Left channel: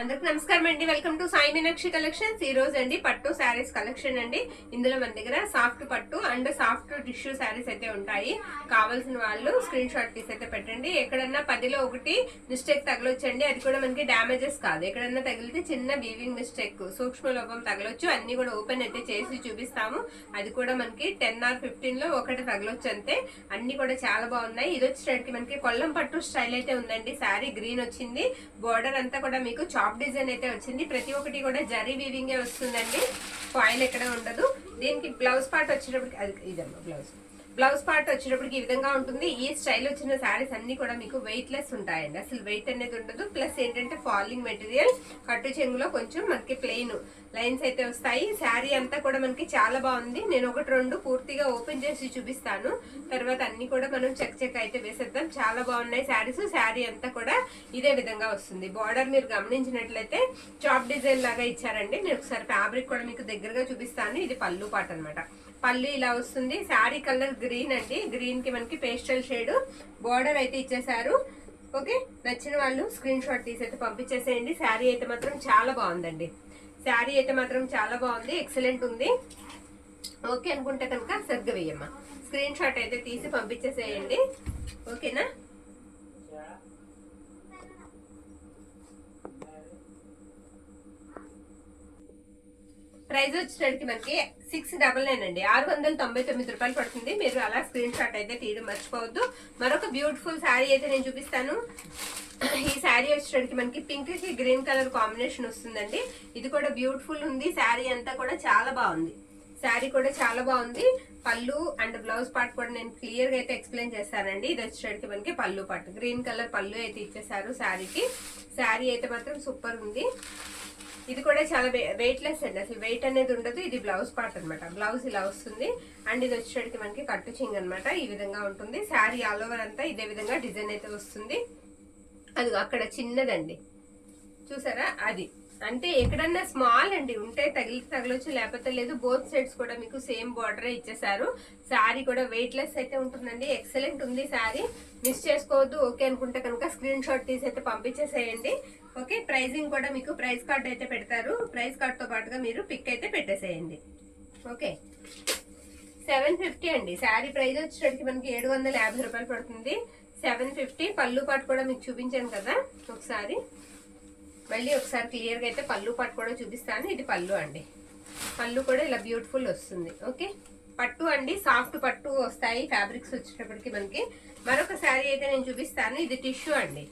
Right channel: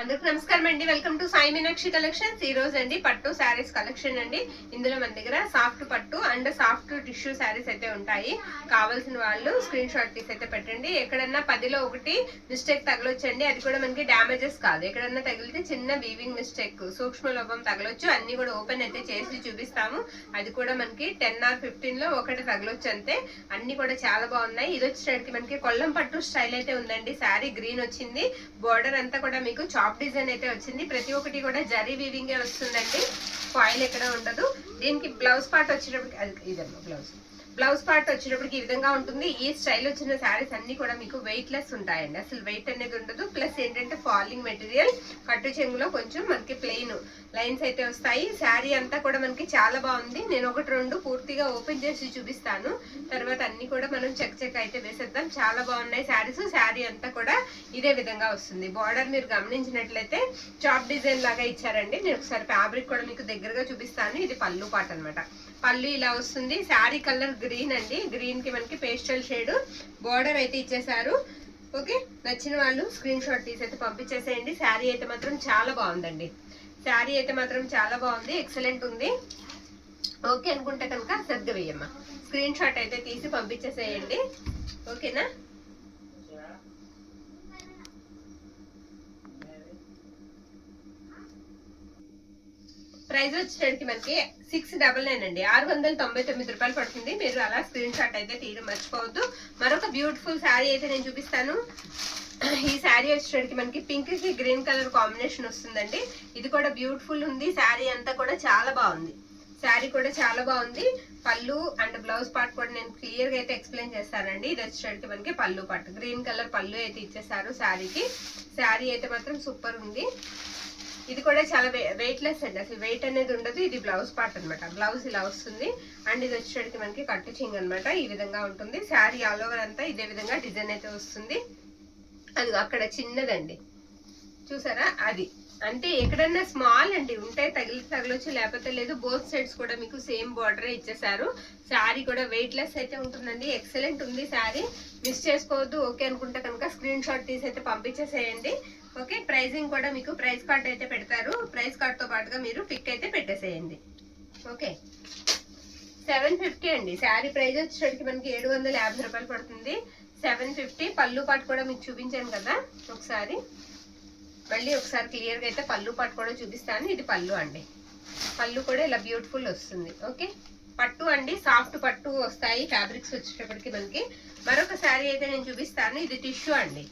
అందరికి నమస్కారం అండి. Welcome to Sai Meenakshi collections. ఈ రోజు అండి పట్టు శారీస్ కలెక్షన్ అండి. ఇందులో మన దగ్గర సాఫ్ట్ పట్టు అండ్ సాఫ్ట్ టిష్యూ శారీస్ అయితే ఉంటాయి. కావాల్సిన వాళ్ళు స్క్రీన్ షాట్ తీసి అయితే పెట్టండి. ఎక్కడన్నా 10లో 1 మిస్టేక్ తగలొచ్చండి. అది కూడా మనకి డ్యామేజెస్ కాదు. ఎక్కడన్నా తగిలితే చిన్న వీవింగ్ మిస్టేక్, సూక్ష్మ లోపం తగలొచ్చు. అన్ని కూడా ఓపెన్ అయితే చేసి చూపిస్తాము. అది కూడా మనకి 10 or 15లో 1 తగలొచ్చు అంతే. అన్ని కూడా చాలా బాగున్నాయి. ఇది వచ్చేసరికి మనకి కొల్లం పట్టు స్టైల్ అయితే ఉందండి. శారీ గ్రీన్ వచ్చింది. బోర్డర్ అంతా కూడా మీకు చాప్ డిజైన్ అయితే వచ్చింది. ప్రతి ఒక్కటి కూడా జరీ వీవింగ్ వస్తుందండి. ఫాయిల్ ఎక్కడ ఉండదు. దీనికి బ్లౌజ్ పార్ట్ వచ్చేటప్పటికి అది ఇదమ్మా బ్లౌజ్ పార్ట్ వచ్చేటప్పటికి ఈ విధంగా ఉంటుంది. ఈ స్టైల్ వచ్చిన శారీస్ అన్ని కూడా మీకు వెయిట్ లెస్ ఉంటాయండి. అసలు వెయిట్ అనేది ఉండదు. ప్లస్ ఏంటంటే ఫాలింగ్ మెటీరియల్, కట్టు చెంగులో కొంచెం మనకి ప్లెయిన్ లైన్స్ అయితే వస్తాయి. శారీ అంతా కూడా మనకి చాలా బాగుంది. నేను 1-2 పూర్తిగా ఓపెన్ చేసి చూపిస్తాను. తర్వాత అన్ని కూడా మనం చెక్ అయితే వేసేద్దాం. చాలా బాగున్నాయి శారీస్. శారీ అంతా కూడా ఇదే విధంగా వస్తుంది. బార్డర్ మీరు గమనించినట్లయితే చాప్ డిజైన్ లాగా ఇచ్చారండి. నేను ఒకసారి ఫ్యాబ్రిక్ కూడా మీకు దగ్గరగా చూపిస్తాను. ఇది పళ్ళు పాట అనమాట. పళ్ళు ఇలా వస్తుంది. శారీ కలర్ గ్రీన్ అండి. గ్రీన్ కి మనకి పేస్టల్ షేడ్ బార్డర్ అయితే ఇచ్చేసారు. ఓకే, నచ్చిన వాళ్ళు స్క్రీన్ షాట్ తీసి అయితే పంపించేసేయండి. శారీ అయితే మాత్రం చాలా బాగుందండి. శారీ అయితే మాత్రం చాలా బాగుంది. ఎక్సలెంట్ ఉంది. ఓకే అనుకుంటే కనుక సర్గ వేయమ్మా, స్క్రీన్ షాట్ అయితే తీసి పంపించేసేయండి. ఓకేనా? ప్రైస్ వచ్చేసరికి మనకి 699 అండి. 699 రూపాయలు పడుతుంది. మీరు అలా స్క్రీన్ షాట్ అయితే తీయడం మర్చిపోవద్దు. మరొక బ్యూటిఫుల్ శారీ అయితే నేను చూపిస్తాను. ఈ శారీ వచ్చేసరికి మనకి పింక్ కి గ్రీన్ కలర్ కాంబినేషన్ వస్తుందండి. ఇది కూడా బ్యూటిఫుల్ ఉంది. శారీ అంతా కూడా చాలా బాగుంది. శారీ కూడా చాలా బాగుంది. పళ్ళు అండ్ బ్లౌజ్ పార్ట్ కూడా నేను క్లియర్ గా అయితే ఎక్స్ప్లెయిన్ చేస్తానండి. ఇది వచ్చేసరికి మనకి పళ్ళు పార్ట్ గ్రీన్ కలర్ పళ్ళు అయితే ఇచ్చేసారు శారీకి. శారీ అయితే మాత్రం సూపర్ ఉంది. ఇది కూడా చాలా వెయిట్ లెస్ అండి. అసలు వెయిట్ అనేది ఉండదు. ఇది బ్లౌజ్ పార్ట్ అనమాట. బ్లౌజ్ ఇలా వస్తుంది. అండ్ ఇది వచ్చేసరికి మనకి కట్టు చింగ్ అనమాట. ఈ విధంగా ఉంటుంది. శారీ ఆల్ ఓవర్ అంతా ఇదే విధంగా డిజైన్ అయితే వస్తుంది. అది అక్కడ చిన్నదండి, చూసారా? అది అంటే ఎక్కడన్నా స్మాల్ అండి, ఉంటే తగలొచ్చు, లేకపోతే లేదు. బోత్ సైడ్స్ కూడా మీకు సేమ్ బార్డరే ఇచ్చేసారు. శారీ కూడా వెయిట్ లెస్ అయితే ఉంటుందండి. ఎక్సలెంట్ ఉంది శారీ. మిస్ చేసుకోవద్దు. ఓకే అనుకుంటే కనుక స్క్రీన్ షాట్ తీసి అయితే పంపించేసేయండి. ఓకే, ప్రైజింగ్ కూడా మీకు ప్రైస్ కార్డ్ అయితే పెడతారు. ప్రైస్ కార్డ్ తో పాటుగా మీరు పిక్ అయితే పెట్టేసేయండి. ఓకే, 750 అండి. శారీ ప్రైస్ వచ్చేసరికి మనకి 750 రూపాయలు పడుతుంది. 750. పళ్ళు పాటు కూడా మీకు చూపించాను కదా, ఒకసారి మళ్ళీ ఒకసారి క్లియర్ గా అయితే పళ్ళు పాటు కూడా చూపిస్తాను. ఇది పళ్ళు అండి. పళ్ళు కూడా ఇలా బ్యూటిఫుల్ వస్తుంది. ఓకే, పట్టు అండి. సాఫ్ట్ పట్టు వస్తాయి ఫ్యాబ్రిక్స్ వచ్చేటప్పటికి మనకి. మరొక శారీ అయితే నేను చూపిస్తాను. ఇది టిష్యూ అండి.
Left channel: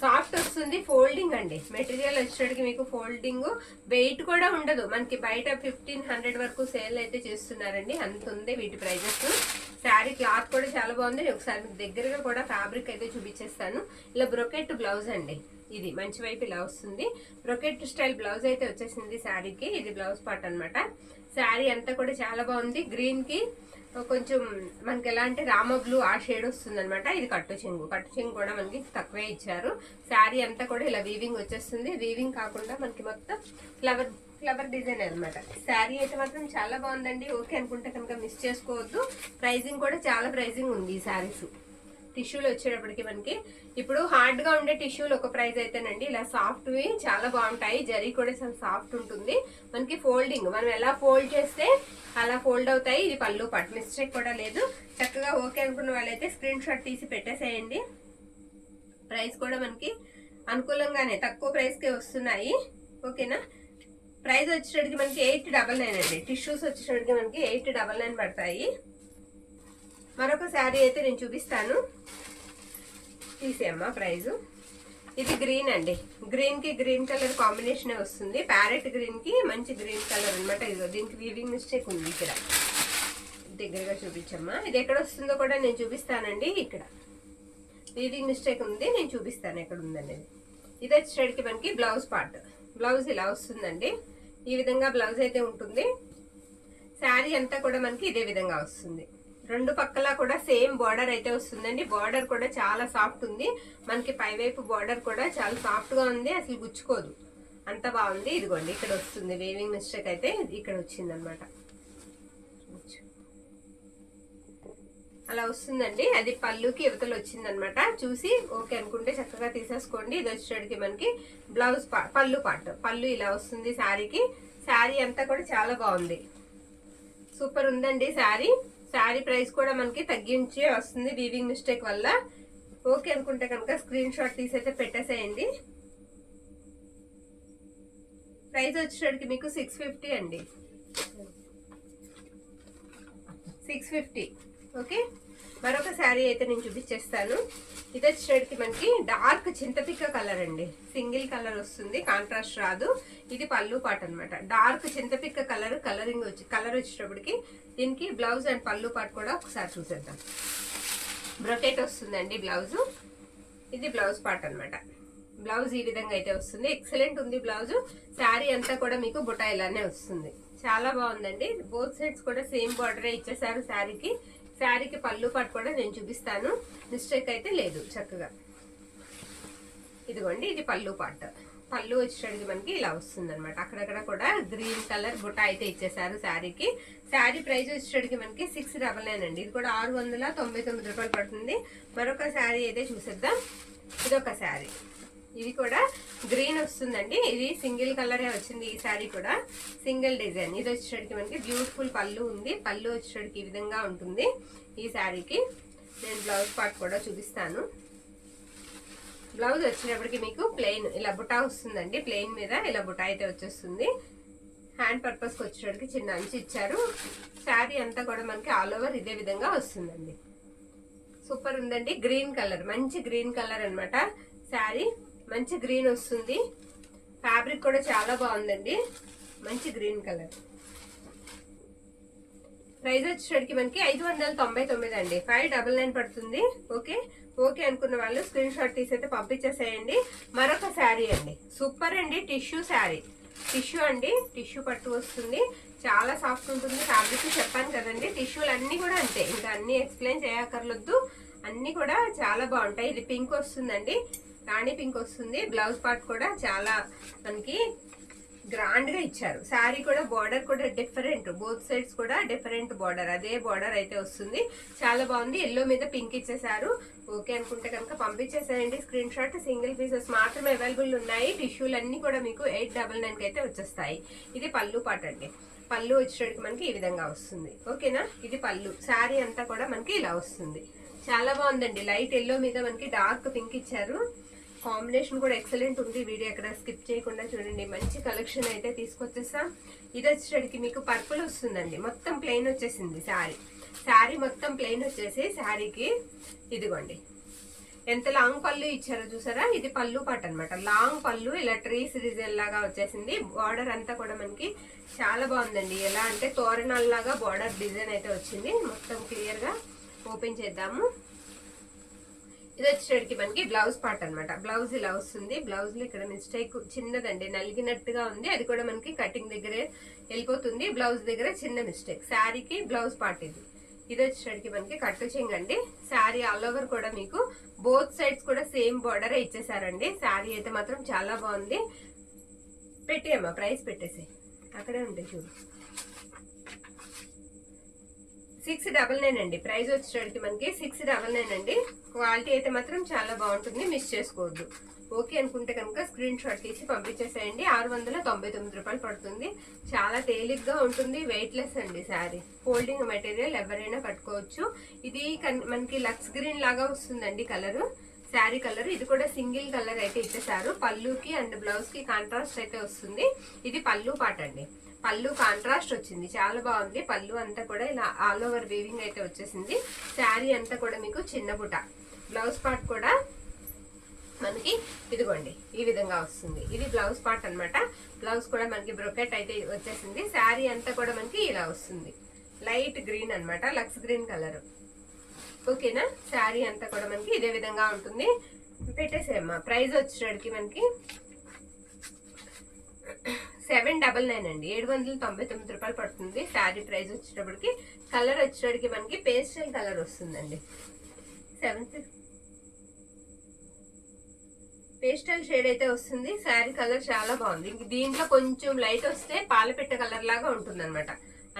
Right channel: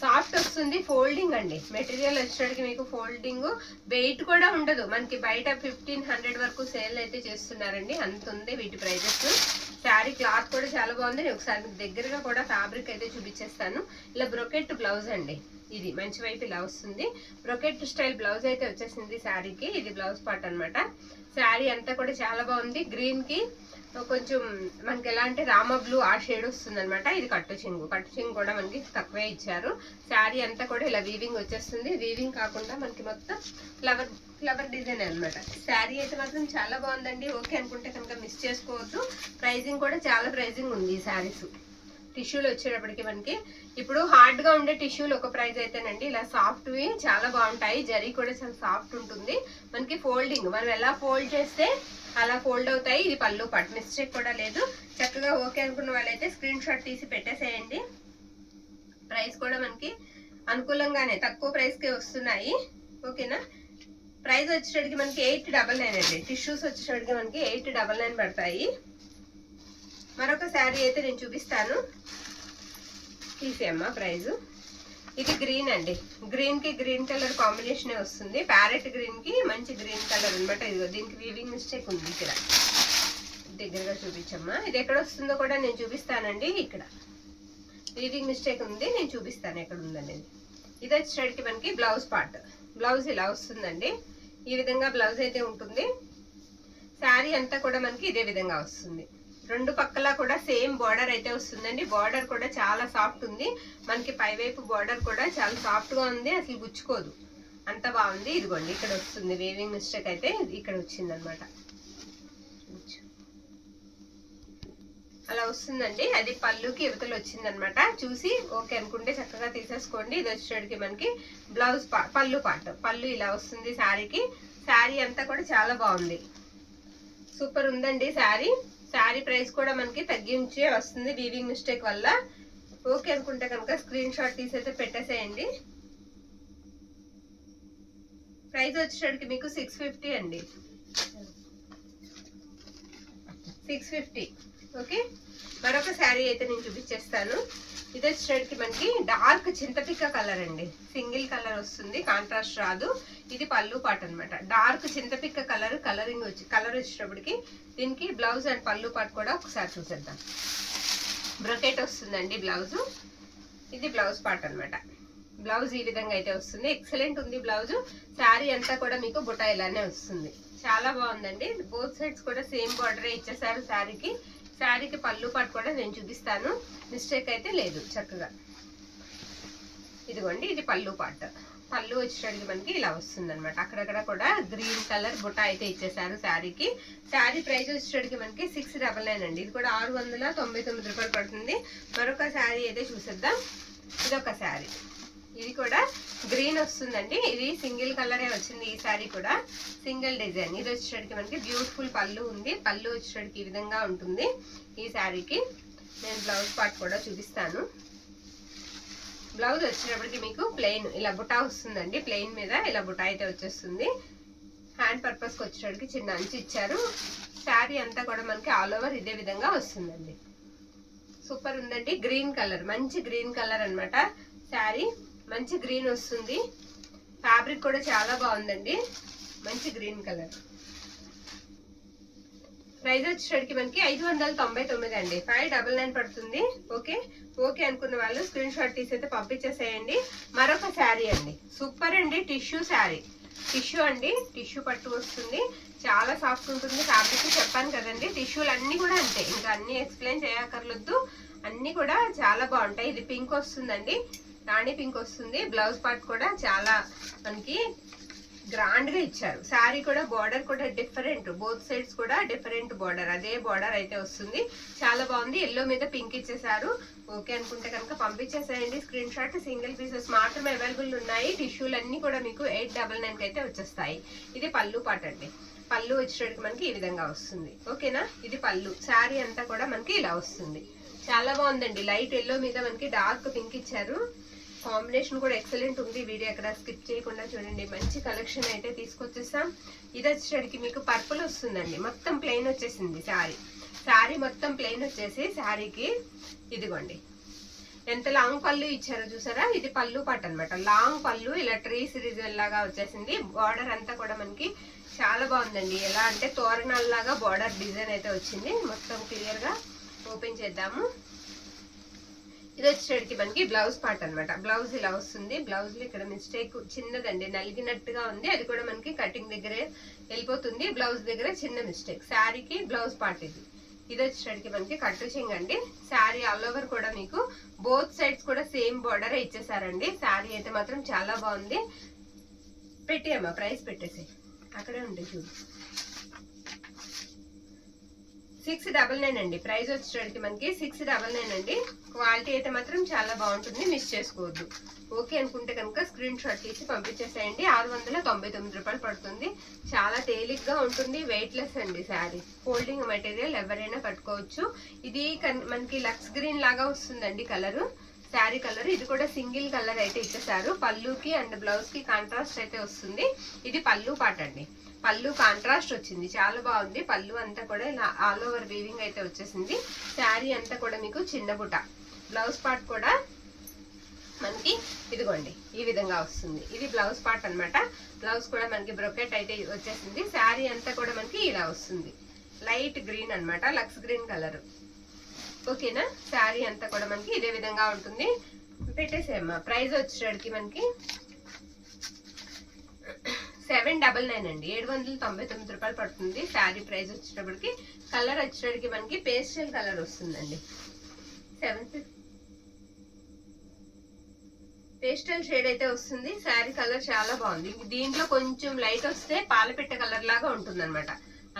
సాఫ్ట్ వస్తుంది. ఫోల్డింగ్ అండి. మెటీరియల్ వచ్చేటికి మీకు ఫోల్డింగ్, వెయిట్ కూడా ఉండదు. మనకి బయట 1500 వరకు సేల్ అయితే చేస్తున్నారండి. అంత ఉంది వీటి ప్రైజెస్. శారీ క్లాత్ కూడా చాలా బాగుంది. నేను ఒకసారి మీకు దగ్గరగా కూడా ఫ్యాబ్రిక్ అయితే చూపించేస్తాను. ఇలా బ్రొకెట్ బ్లౌజ్ అండి. ఇది మంచి వైపు ఇలా వస్తుంది. బ్రొకెట్ స్టైల్ బ్లౌజ్ అయితే వచ్చేసింది శారీకి. ఇది బ్లౌజ్ పార్ట్ అనమాట. శారీ అంతా కూడా చాలా బాగుంది. గ్రీన్ కి కొంచెం మనకి ఎలా అంటే రామ బ్లూ ఆ షేడ్ వస్తుంది అనమాట. ఇది కట్టు చెంగు కూడా మనకి తక్కువే ఇచ్చారు. శారీ అంతా కూడా ఇలా వీవింగ్ వచ్చేస్తుంది. వీవింగ్ కాకుండా మనకి మొత్తం ఫ్లవర్ డిజైన్ అనమాట. శారీ అయితే మాత్రం చాలా బాగుందండి. ఓకే అనుకుంటే కనుక మిస్ చేసుకోవద్దు. ప్రైజింగ్ కూడా చాలా ప్రైజింగ్ ఉంది ఈ శారీస్. టిష్యూలు వచ్చేటప్పటికి మనకి ఇప్పుడు హార్డ్ గా ఉండే టిష్యూలు ఒక ప్రైస్ అయితేనండి, ఇలా సాఫ్ట్వి చాలా బాగుంటాయి. జరీ కూడా చాలా సాఫ్ట్ ఉంటుంది. మనకి ఫోల్డింగ్ మనం ఎలా ఫోల్డ్ చేస్తే అలా ఫోల్డ్ అవుతాయి. ఇది పళ్ళు పాటు, మిస్టేక్ కూడా లేదు. చక్కగా ఓకే అనుకున్న వాళ్ళైతే స్క్రీన్ షాట్ తీసి పెట్టేసేయండి. ప్రైస్ కూడా మనకి అనుకూలంగానే తక్కువ ప్రైస్ కి వస్తున్నాయి. ఓకేనా? ప్రైస్ వచ్చేటప్పటికి మనకి 899 అండి. టిష్యూస్ వచ్చేటప్పటికి మనకి 899 పడతాయి. మరొక శారీ అయితే నేను చూపిస్తాను. తీసేయమ్మా ప్రైజు. ఇది గ్రీన్ అండి. గ్రీన్ కి గ్రీన్ కలర్ కాంబినేషన్ వస్తుంది. ప్యారెట్ గ్రీన్ కి మంచి గ్రీన్ కలర్ అనమాట. ఇదిగో దీనికి వీవింగ్ మిస్టేక్ ఉంది. ఇక్కడ దగ్గరగా చూపించమ్మా. ఇది ఎక్కడ వస్తుందో కూడా నేను చూపిస్తానండి. ఇక్కడ వీవింగ్ మిస్టేక్ ఉంది. నేను చూపిస్తాను ఎక్కడ ఉందనేది. ఇది వచ్చేసరికి మనకి బ్లౌజ్ పార్ట్. బ్లౌజ్ ఇలా వస్తుందండి. ఈ విధంగా బ్లౌజ్ అయితే ఉంటుంది. శారీ అంతా కూడా మనకి ఇదే విధంగా వస్తుంది. రెండు పక్కల కూడా సేమ్ బార్డర్ అయితే వస్తుందండి. బార్డర్ కూడా చాలా సాఫ్ట్ ఉంది. మనకి పైవైపు బార్డర్ కూడా చాలా సాఫ్ట్ గా ఉంది. అసలు గుచ్చుకోదు, అంత బాగుంది. ఇదిగోండి ఇక్కడ వస్తుంది వేవింగ్ మిస్టేక్ అయితే ఇక్కడ వచ్చింది అనమాట. అలా వస్తుందండి. అది పళ్ళుకి యువతలు వచ్చిందనమాట. చూసి ఓకే అనుకుంటే చక్కగా తీసేసుకోండి. ఇది వచ్చేటికి మనకి బ్లౌజ్ పళ్ళు పార్ట్. పళ్ళు ఇలా వస్తుంది శారీకి. శారీ అంతా కూడా చాలా బాగుంది, సూపర్ ఉందండి శారీ. శారీ ప్రైస్ కూడా మనకి తగ్గించి వస్తుంది వీవింగ్ మిస్టేక్ వల్ల. ఓకే అనుకుంటే కనుక స్క్రీన్ షాట్ తీసైతే పెట్టేసేయండి. ప్రైస్ వచ్చేటికి మీకు 650 అండి, 650. ఓకే, మరొక శారీ అయితే నేను చూపించేస్తాను. ఇది వచ్చేటికి మనకి డార్క్ చింతపిక్క కలర్ అండి, సింగిల్ కలర్ వస్తుంది, కాంట్రాస్ట్ రాదు. ఇది పళ్ళు పాట అనమాట. డార్క్ చింతపిక్క కలర్ కలర్ వచ్చేటప్పటికి దీనికి బ్లౌజ్ అండ్ పళ్ళు పాట కూడా ఒకసారి చూసేద్దాం. బ్రొకెట్ వస్తుందండి బ్లౌజు. ఇది బ్లౌజ్ పార్ట్ అనమాట. బ్లౌజ్ ఈ విధంగా అయితే వస్తుంది, ఎక్సలెంట్ ఉంది బ్లౌజ్. శారీ అంతా కూడా మీకు బుటా ఇలానే వస్తుంది, చాలా బాగుందండి. బోత్ సైడ్స్ కూడా సేమ్ బార్డరే ఇచ్చేసారు శారీకి. శారీకి పళ్ళు పాటు కూడా నేను చూపిస్తాను, మిస్టేక్ అయితే లేదు. చక్కగా ఇదిగోండి, ఇది పళ్ళు పార్ట్. పళ్ళు వచ్చేటికి మనకి ఇలా వస్తుంది అనమాట. అక్కడక్కడ కూడా గ్రీన్ కలర్ బుట్ట అయితే ఇచ్చేసారు శారీకి. శారీ ప్రైస్ వచ్చేటికి మనకి 699 అండి. ఇది కూడా 699 రూపాయలు పడుతుంది. మరొక శారీ అయితే చూసేద్దాం. ఇదొక శారీ, ఇది కూడా గ్రీన్ వస్తుందండి. ఇది సింగిల్ కలరే వచ్చింది ఈ శారీ కూడా, సింగిల్ డిజైన్. ఇది వచ్చేటికి మనకి బ్యూటిఫుల్ పళ్ళు ఉంది. పళ్ళు వచ్చేటికి ఈ విధంగా ఉంటుంది ఈ శారీకి. నేను బ్లౌజ్ పార్ట్ కూడా చూపిస్తాను. బ్లౌజ్ వచ్చేటప్పటికి మీకు ప్లెయిన్ ఇలా బుటా వస్తుందండి. ప్లెయిన్ మీద ఇలా బుటా అయితే వచ్చేస్తుంది. హ్యాండ్ పర్పస్కి వచ్చేటప్పటికి చిన్న అంచు ఇచ్చారు. శారీ అంతా కూడా మనకి ఆల్ ఓవర్ ఇదే విధంగా వస్తుందండి. సూపర్ ఉందండి. గ్రీన్ కలర్, మంచి గ్రీన్ కలర్ అనమాట. శారీ మంచి గ్రీన్ వస్తుంది. ఫ్యాబ్రిక్ కూడా చాలా బాగుందండి, మంచి గ్రీన్ కలర్. ప్రైస్ వచ్చేటికి మనకి 599 అండి, 599 పడుతుంది. ఓకే, ఓకే అనుకున్న వాళ్ళు స్క్రీన్ షాట్ తీసి అయితే పంపించేసేయండి. మరొక శారీ అండి, సూపర్ అండి. టిష్యూ శారీ, టిష్యూ అండి, టిష్యూ పట్టు వస్తుంది. చాలా సాఫ్ట్ ఉంటుంది ఫ్యాబ్రిక్. చెప్పాను కదండి, టిష్యూలు అన్ని కూడా అంతే, ఇంకా అన్ని ఎక్స్ప్లెయిన్ చేయక్కర్లొద్దు, అన్ని కూడా చాలా బాగుంటాయి. ఇది పింక్ వస్తుందండి, రాణి పింక్ వస్తుంది. బ్లౌజ్ పార్ట్ కూడా చాలా మనకి గ్రాండ్ గా ఇచ్చారు. శారీ కూడా బార్డర్ కూడా డిఫరెంట్, బోత్ సైడ్స్ కూడా డిఫరెంట్ బార్డర్, అదే బార్డర్ అయితే వస్తుంది. చాలా బాగుంది. ఎల్లో మీద పింక్ ఇచ్చేసారు. ఓకే అనుకుంటే కనుక పంపించేసేయండి స్క్రీన్ షాట్. సింగిల్ పీసెస్ మాత్రమే అవైలబుల్ ఉన్నాయి. టిష్యూలు అన్ని కూడా మీకు 899 అయితే వచ్చేస్తాయి. ఇది పళ్ళు పాట అండి. పళ్ళు వచ్చేటికి మనకి ఈ విధంగా వస్తుంది. ఓకేనా, ఇది పళ్ళు. శారీ అంతా కూడా మనకి ఇలా వస్తుంది. చాలా బాగుందండి. లైట్ ఎల్లో మీద మనకి డార్క్ పింక్ ఇచ్చారు. కాంబినేషన్ కూడా ఎక్సలెంట్ ఉంది. వీడియో ఎక్కడ స్కిప్ చేయకుండా చూడండి. మంచి కలెక్షన్ అయితే తీసుకొచ్చేసాం. ఇది వచ్చేటికి మీకు పర్పుల్ వస్తుందండి. మొత్తం ప్లెయిన్ వచ్చేసింది శారీ. శారీ మొత్తం ప్లెయిన్ వచ్చేసి శారీకి ఇదిగోండి ఎంత లాంగ్ పళ్ళు ఇచ్చారో చూసారా. ఇది పళ్ళు పాట అనమాట. లాంగ్ పళ్ళు ఇలా ట్రీస్ డిజైన్ లాగా వచ్చేసింది. బార్డర్ అంతా కూడా మనకి చాలా బాగుందండి. ఎలా అంటే తోరణాల్లాగా బార్డర్ డిజైన్ అయితే వచ్చింది. మొత్తం క్లియర్ గా ఓపెన్ చేద్దాము. ఇది వచ్చేటికి మనకి బ్లౌజ్ పార్ట్ అనమాట. బ్లౌజ్ ఇలా వస్తుంది. బ్లౌజ్ లో ఇక్కడ మిస్టేక్ చిన్నదండి, నలిగినట్టుగా ఉంది. అది కూడా మనకి కటింగ్ దగ్గరే వెళ్ళిపోతుంది. బ్లౌజ్ దగ్గర చిన్న మిస్టేక్. శారీకి బ్లౌజ్ పార్ట్ ఇది. ఇది వచ్చేటికి మనకి కట్టు చెంగండి. శారీ ఆల్ ఓవర్ కూడా మీకు బోత్ సైడ్స్ కూడా సేమ్ బార్డర్ ఇచ్చేసారండి. శారీ అయితే మాత్రం చాలా బాగుంది. పెట్టేయమ్మా, ప్రైస్ పెట్టేసి అక్కడే ఉంటాయి చూడు. 699 అండి. ప్రైస్ వచ్చేటికి మనకి 699 అండి. క్వాలిటీ అయితే మాత్రం చాలా బాగుంటుంది, మిస్ చేసుకోవద్దు. ఓకే అనుకుంటే కనుక స్క్రీన్ షాట్ తీసి పంపించేసేయండి. 699 రూపాయలు పడుతుంది. చాలా తేలిగ్గా ఉంటుంది, వెయిట్లెస్ అండి శారీ. ఫోల్డింగ్ మెటీరియల్ ఎవరైనా కట్టుకోవచ్చు. ఇది మనకి లక్స్ గ్రీన్ లాగా వస్తుందండి కలరు, శారీ కలర్. ఇది కూడా సింగిల్ కలర్ అయితే ఇచ్చేసారు. పళ్ళుకి అండ్ బ్లౌజ్ కి కాంట్రాస్ట్ అయితే వస్తుంది. ఇది పళ్ళు పాట అండి. పళ్ళు కాంట్రాస్ట్ వచ్చింది, చాలా బాగుంది. పళ్ళు అంతా కూడా ఇలా ఆల్ ఓవర్ వీవింగ్ అయితే వచ్చేసింది. శారీ అంతా కూడా మీకు చిన్న బుట్ట. బ్లౌజ్ పార్ట్ కూడా మనకి ఇదిగోండి ఈ విధంగా వస్తుంది. ఇది బ్లౌజ్ పార్ట్ అనమాట. బ్లౌజ్ కూడా మనకి బ్రొకెట్ అయితే వచ్చేసింది. శారీ అంతా కూడా మనకి ఇలా వస్తుంది. లైట్ గ్రీన్ అనమాట, లక్స్ గ్రీన్ కలర్. ఓకేనా, శారీ అంతా కూడా మనకి ఇదే విధంగా ఉంటుంది. పెట్టేసేమ్మా. ప్రైస్ వచ్చేటికి మనకి 799 అండి, 799 రూపాయలు పడుతుంది. శారీ ప్రైస్ వచ్చేటప్పటికి. కలర్ వచ్చేటప్పటికి మనకి పేస్టల్ కలర్ వస్తుందండి. 750 పేస్టల్ షేడ్ అయితే వస్తుంది. శారీ కలర్ చాలా బాగుంది. దీంట్లో కొంచెం లైట్ వస్తే పాలపిట్ట కలర్ లాగా ఉంటుంది అనమాట,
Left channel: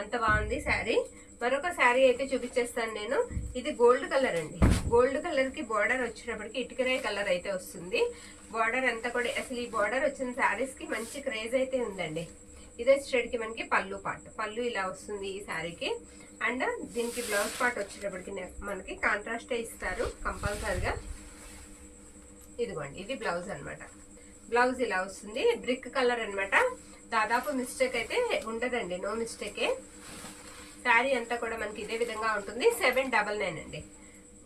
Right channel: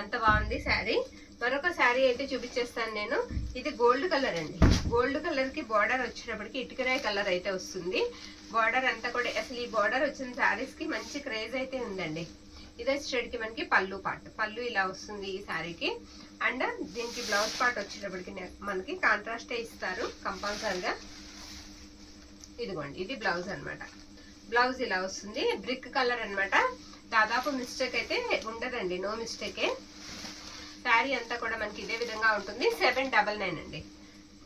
అంత బాగుంది శారీ. మరొక శారీ అయితే చూపించేస్తాను నేను. ఇది గోల్డ్ కలర్ అండి. గోల్డ్ కలర్ కి బార్డర్ వచ్చేటప్పటికి ఇటుకరాయి కలర్ అయితే వస్తుంది. బార్డర్ అంతా కూడా అసలు ఈ బార్డర్ వచ్చిన శారీస్ కి మంచి క్రేజ్ అయితే ఉందండి. ఇది వచ్చేటికి మనకి పళ్ళు పార్ట్, పళ్ళు ఇలా వస్తుంది ఈ శారీకి. అండ్ దీనికి బ్లౌజ్ పార్ట్ వచ్చేటప్పటికి మనకి కాంట్రాస్ట్ ఇస్తారు కంపల్సరిగా. ఇదిగోండి, ఇది బ్లౌజ్ అనమాట. బ్లౌజ్ ఇలా వస్తుంది, బ్రిక్ కలర్ అనమాట. దాదాపు మిస్టేక్ అయితే ఉండదండి, నో మిస్టేకే. శారీ అంతా కూడా మనకి ఇదే విధంగా ఉంటుంది. 799 అండి.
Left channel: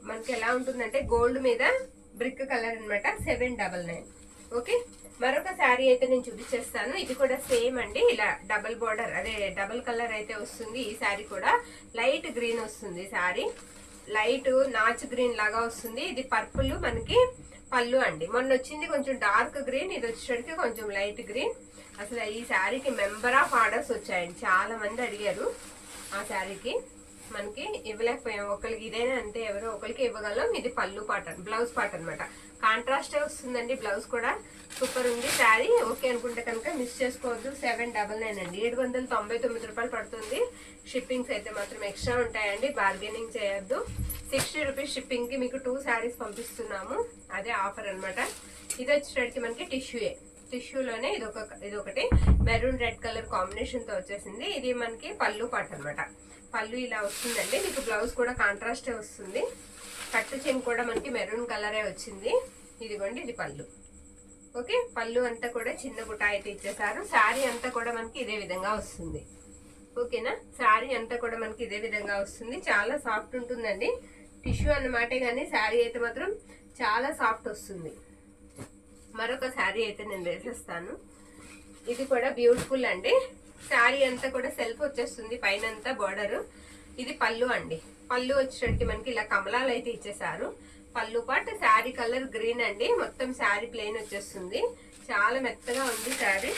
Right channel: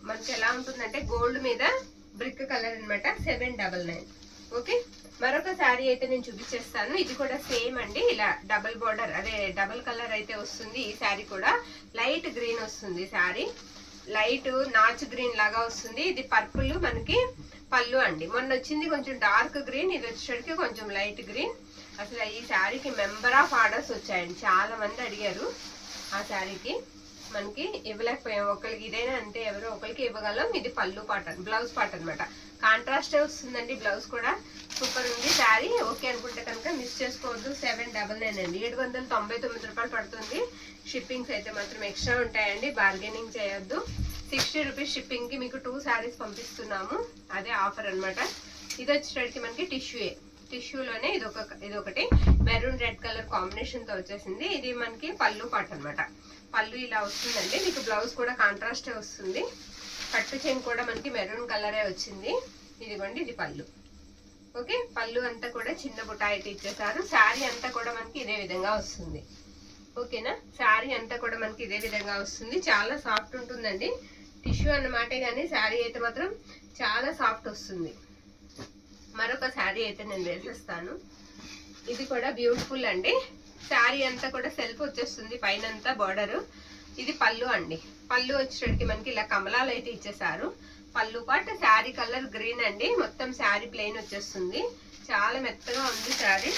మనకి ఎలా ఉంటుందంటే గోల్డ్ మీద బ్రిక్ కలర్ అనమాట. 799. ఓకే, మరొక శారీ అయితే నేను చూపించేస్తాను. ఇది కూడా సేమ్ అండి, ఇలా డబుల్ బార్డర్, అదే డబుల్ కలర్ అయితే వస్తుంది. ఈ శారీ కూడా లైట్ గ్రీన్ వస్తుంది. శారీ లైట్ నాచు గ్రీన్ లాగా వస్తుంది. ఇది పర్పుల్ మనకి పళ్ళు అండి. మొన్న వచ్చింది కొంచెం డార్క్ గ్రీన్, ఇది వచ్చేసరికి కొంచెం లైట్ గ్రీన్. అసలు ఈ శారీకి మెంబర్ ఆఫ్ ఆర్డర్స్ వచ్చాయండి, చాలా మంది అడిగారు. ఆ శారీకి మనకి ఇవ్వలేకపోయాం, ఒకరికి ఇదైనా అంతే, ఎవరో ఒకరికి ఇవ్వగలం. ఇది పళ్ళు పాట, బ్లౌజ్ పాట అనమాట. కాంట్రాస్టే వస్తుందండి, బ్లౌజ్ కూడా సూపర్ ఉంది. శారీ ఓకే అనుకుంటే కనుక మిస్ చేసుకోవద్దు. 799 అండి, 799 రూపాయలు పడుతుంది. షిప్పింగ్స్ అయితే మాత్రం ఎక్స్ట్రా ఉంటాయండి, బార్గెనింగ్ చేయొద్దు. 60 రూపీస్ షిప్పింగ్కి మీకు 2 శారీస్ పంపిస్తున్నాము, అదే ఆఫర్ అనమాట. ఇది వచ్చేటప్పటికి మనకి టిష్యూలోనే ఇదొకటి మెరూన్ రెడ్ కలర్ కాంబినేషన్ తో వచ్చేసింది. ఇది మనకి పళ్ళు పాట అనమాట. పళ్ళు ఇలా వస్తుందండి. మీకు బ్లౌజ్ కూడా కాంట్రాస్టే వస్తుంది. కట్టు చైన్ కూడా మనకి మెరూన్ కలరే వచ్చింది. ఇదిగోండి, ఇది పళ్ళు. ఓకే, పళ్ళు అంతా కూడా చిన్న బుట్ట అయితే ఇచ్చేసారు. శారీ అంతా కూడా మనకి ఇదే విధంగా వస్తుంది. ఓకేనా, శారీ అంతా కూడా మనకి ఇదే విధంగా వస్తుంది. చాలా సాఫ్ట్ ఉంటుందండి. టిష్యూ అన్నమాటే కానీ శారీ అయితే మాత్రం చాలా సాఫ్ట్ వస్తుంది. మరొక శారీ అయితే నేను వేసేస్తాను. ఇది కూడా బ్యూటిఫుల్ అండి. శారీ అంతా కూడా సెల్ఫ్ వచ్చేస్తుంది, పైన అంతా బార్డర్. ఇది పళ్ళు అండి. పళ్ళు వచ్చేటికి మనకి ఇలా కమలాలు అయితే ఇచ్చేసారు. పళ్ళు పాట్, శారీ కలర్ గ్రీన్ అండి. మొత్తం శారీ ప్లెయిన్ వచ్చేస్తుంది. చాలా మెత్తగా ఉంది శారీ,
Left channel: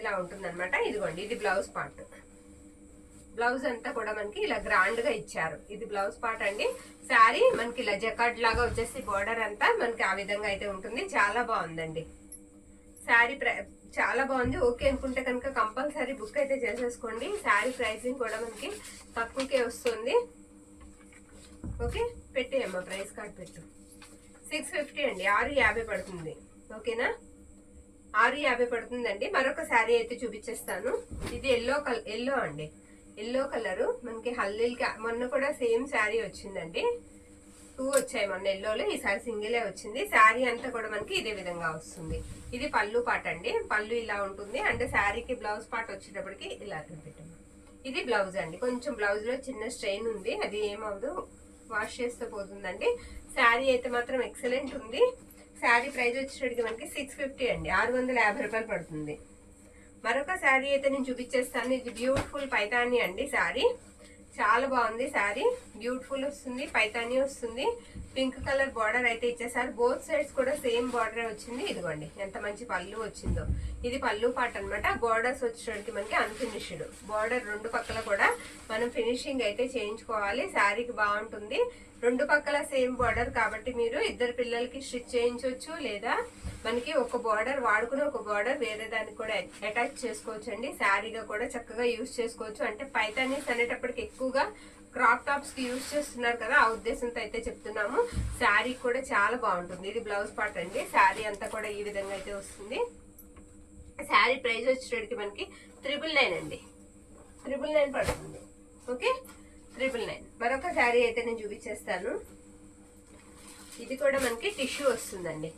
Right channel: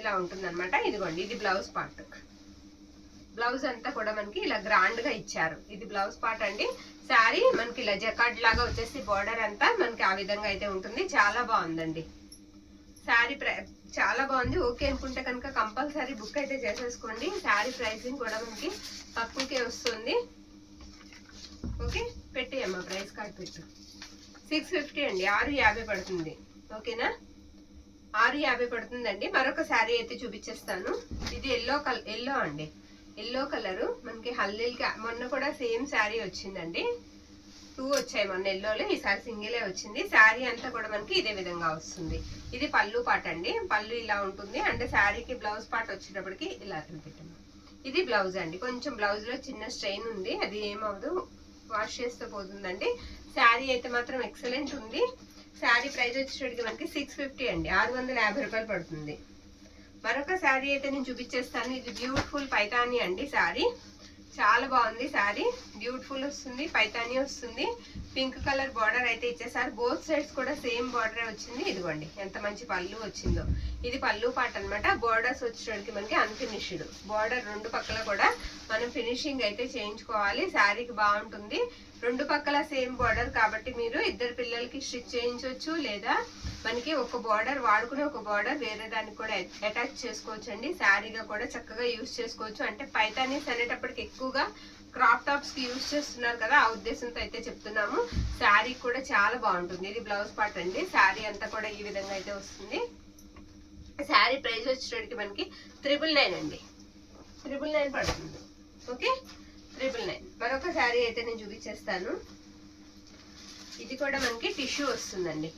ఇలా ఉంటుంది అనమాట. ఇదిగోండి, ఇది బ్లౌజ్ పార్ట్. బ్లౌజ్ అంతా కూడా మనకి ఇలా గ్రాండ్ గా ఇచ్చారు. ఇది బ్లౌజ్ పార్ట్ అండి. శారీ మనకి ఇలా జకార్డ్ లాగా వచ్చేసి బార్డర్ అంతా మనకి ఆ విధంగా అయితే ఉంటుంది. చాలా బాగుందండి శారీ, చాలా బాగుంది. ఓకే అనుకుంటే కనుక కంపల్సరీ బుక్ అయితే చేసేసుకోండి. శారీ ప్రైసింగ్ కూడా మనకి తక్కువకే వస్తుంది. ఓకే, పెట్టేయమ్మా, ప్రైస్ కార్డ్ పెట్టు. 650 అండి, 650 పడుతుంది. ఓకేనా, 650 పడుతుందండి. మరొక శారీ అయితే చూపించేస్తాను. ఇది ఎల్లో అండి. ఎల్లో కలరు మనకి హల్దీలకి మొన్న కూడా సేమ్ శారీ వచ్చిందండి. 2 వచ్చాయి మొన్న ఎల్లోలో, ఈసారి సింగిలే వచ్చింది. శారీ అంతా కూడా మనకి ఇదే విధంగా వస్తుంది. ఇది పళ్ళు పాట అండి. పళ్ళు ఇలా ఉంటుంది. అంటే శారీకి బ్లౌజ్ పార్ట్ వచ్చేటప్పటికి ఇలా పెట్టాము. ఇది బ్లౌజ్ అండి. కొంచెం బ్లౌజ్ లో చిన్న స్ట్రెయిన్ ఉంది, అది ఏమవదు, వాష్ చేస్తే పోతుందండి. శారీ అయితే మాత్రం ఎక్సలెంట్ ఉంది. శారీ ప్రైస్ వచ్చేటప్పటికి మనకి 650 అండి, 650 రూపాయలు పడుతుంది. మరొక శారీ అయితే నేను చూపించేస్తాను. ఇది బ్యూటిఫుల్ పైతాని అండి. శారీ చాలా బాగుంది. శారీ బ్యూటిఫుల్ వస్తుంది, పైతాని వస్తుంది. పింక్ కలర్ బార్డర్ అయితే ఇచ్చేసారు. బోత్ సైడ్స్ కూడా సేమ్ బార్డర్ వచ్చింది. ఇదిగోండి, ఎంత మంచి పళ్ళు వచ్చిందో. ఇది పళ్ళు పాట అనమాట. బార్డర్స్ వచ్చేటికి మనకి అన్ఫినిష్డ్ బార్డర్, రెండు పక్కల కూడా మనం ఫినిషింగ్ అయితే చేయించుకోవాలి. శారీకి బాగుంటుంది. రెండు పక్కల సేమ్ బార్డర్ కాబట్టి మీరు ఇద్దరు పిల్లలకి స్టిచ్ చేయించవచ్చు, లేదా మనకి ఒక బార్డర్ వాడుకుని ఒక బార్డర్ వేరే దానికి కూడా అటాచ్ చేసుకోవచ్చు అండి. శారీగా కూడా చక్కగా యూజ్ చేసుకోవచ్చు. అంటే పైతానీస్ అనేటప్పటికి ఎక్కువగా క్రాప్ టాప్స్ కి యూజ్ చేస్తున్నారు కదా, ఆ ఉద్దేశంతో అయితే చెప్తున్నాము. శారీ కూడా చాలా బాగుంటుంది. ఇది బ్లౌజ్ పార్ట్ అండి. శారీ అంతా కూడా ఈ విధంగా అయితే వస్తుంది. శారీ ప్రైస్ వచ్చేటికి మనకి 999 అండి, 999 పడుతుంది. ఓకే, 999. మరొక శారీ అయితే నేను చూపించేస్తాను. ఇది కూడా మనకి టిష్యూ వస్తుందండి,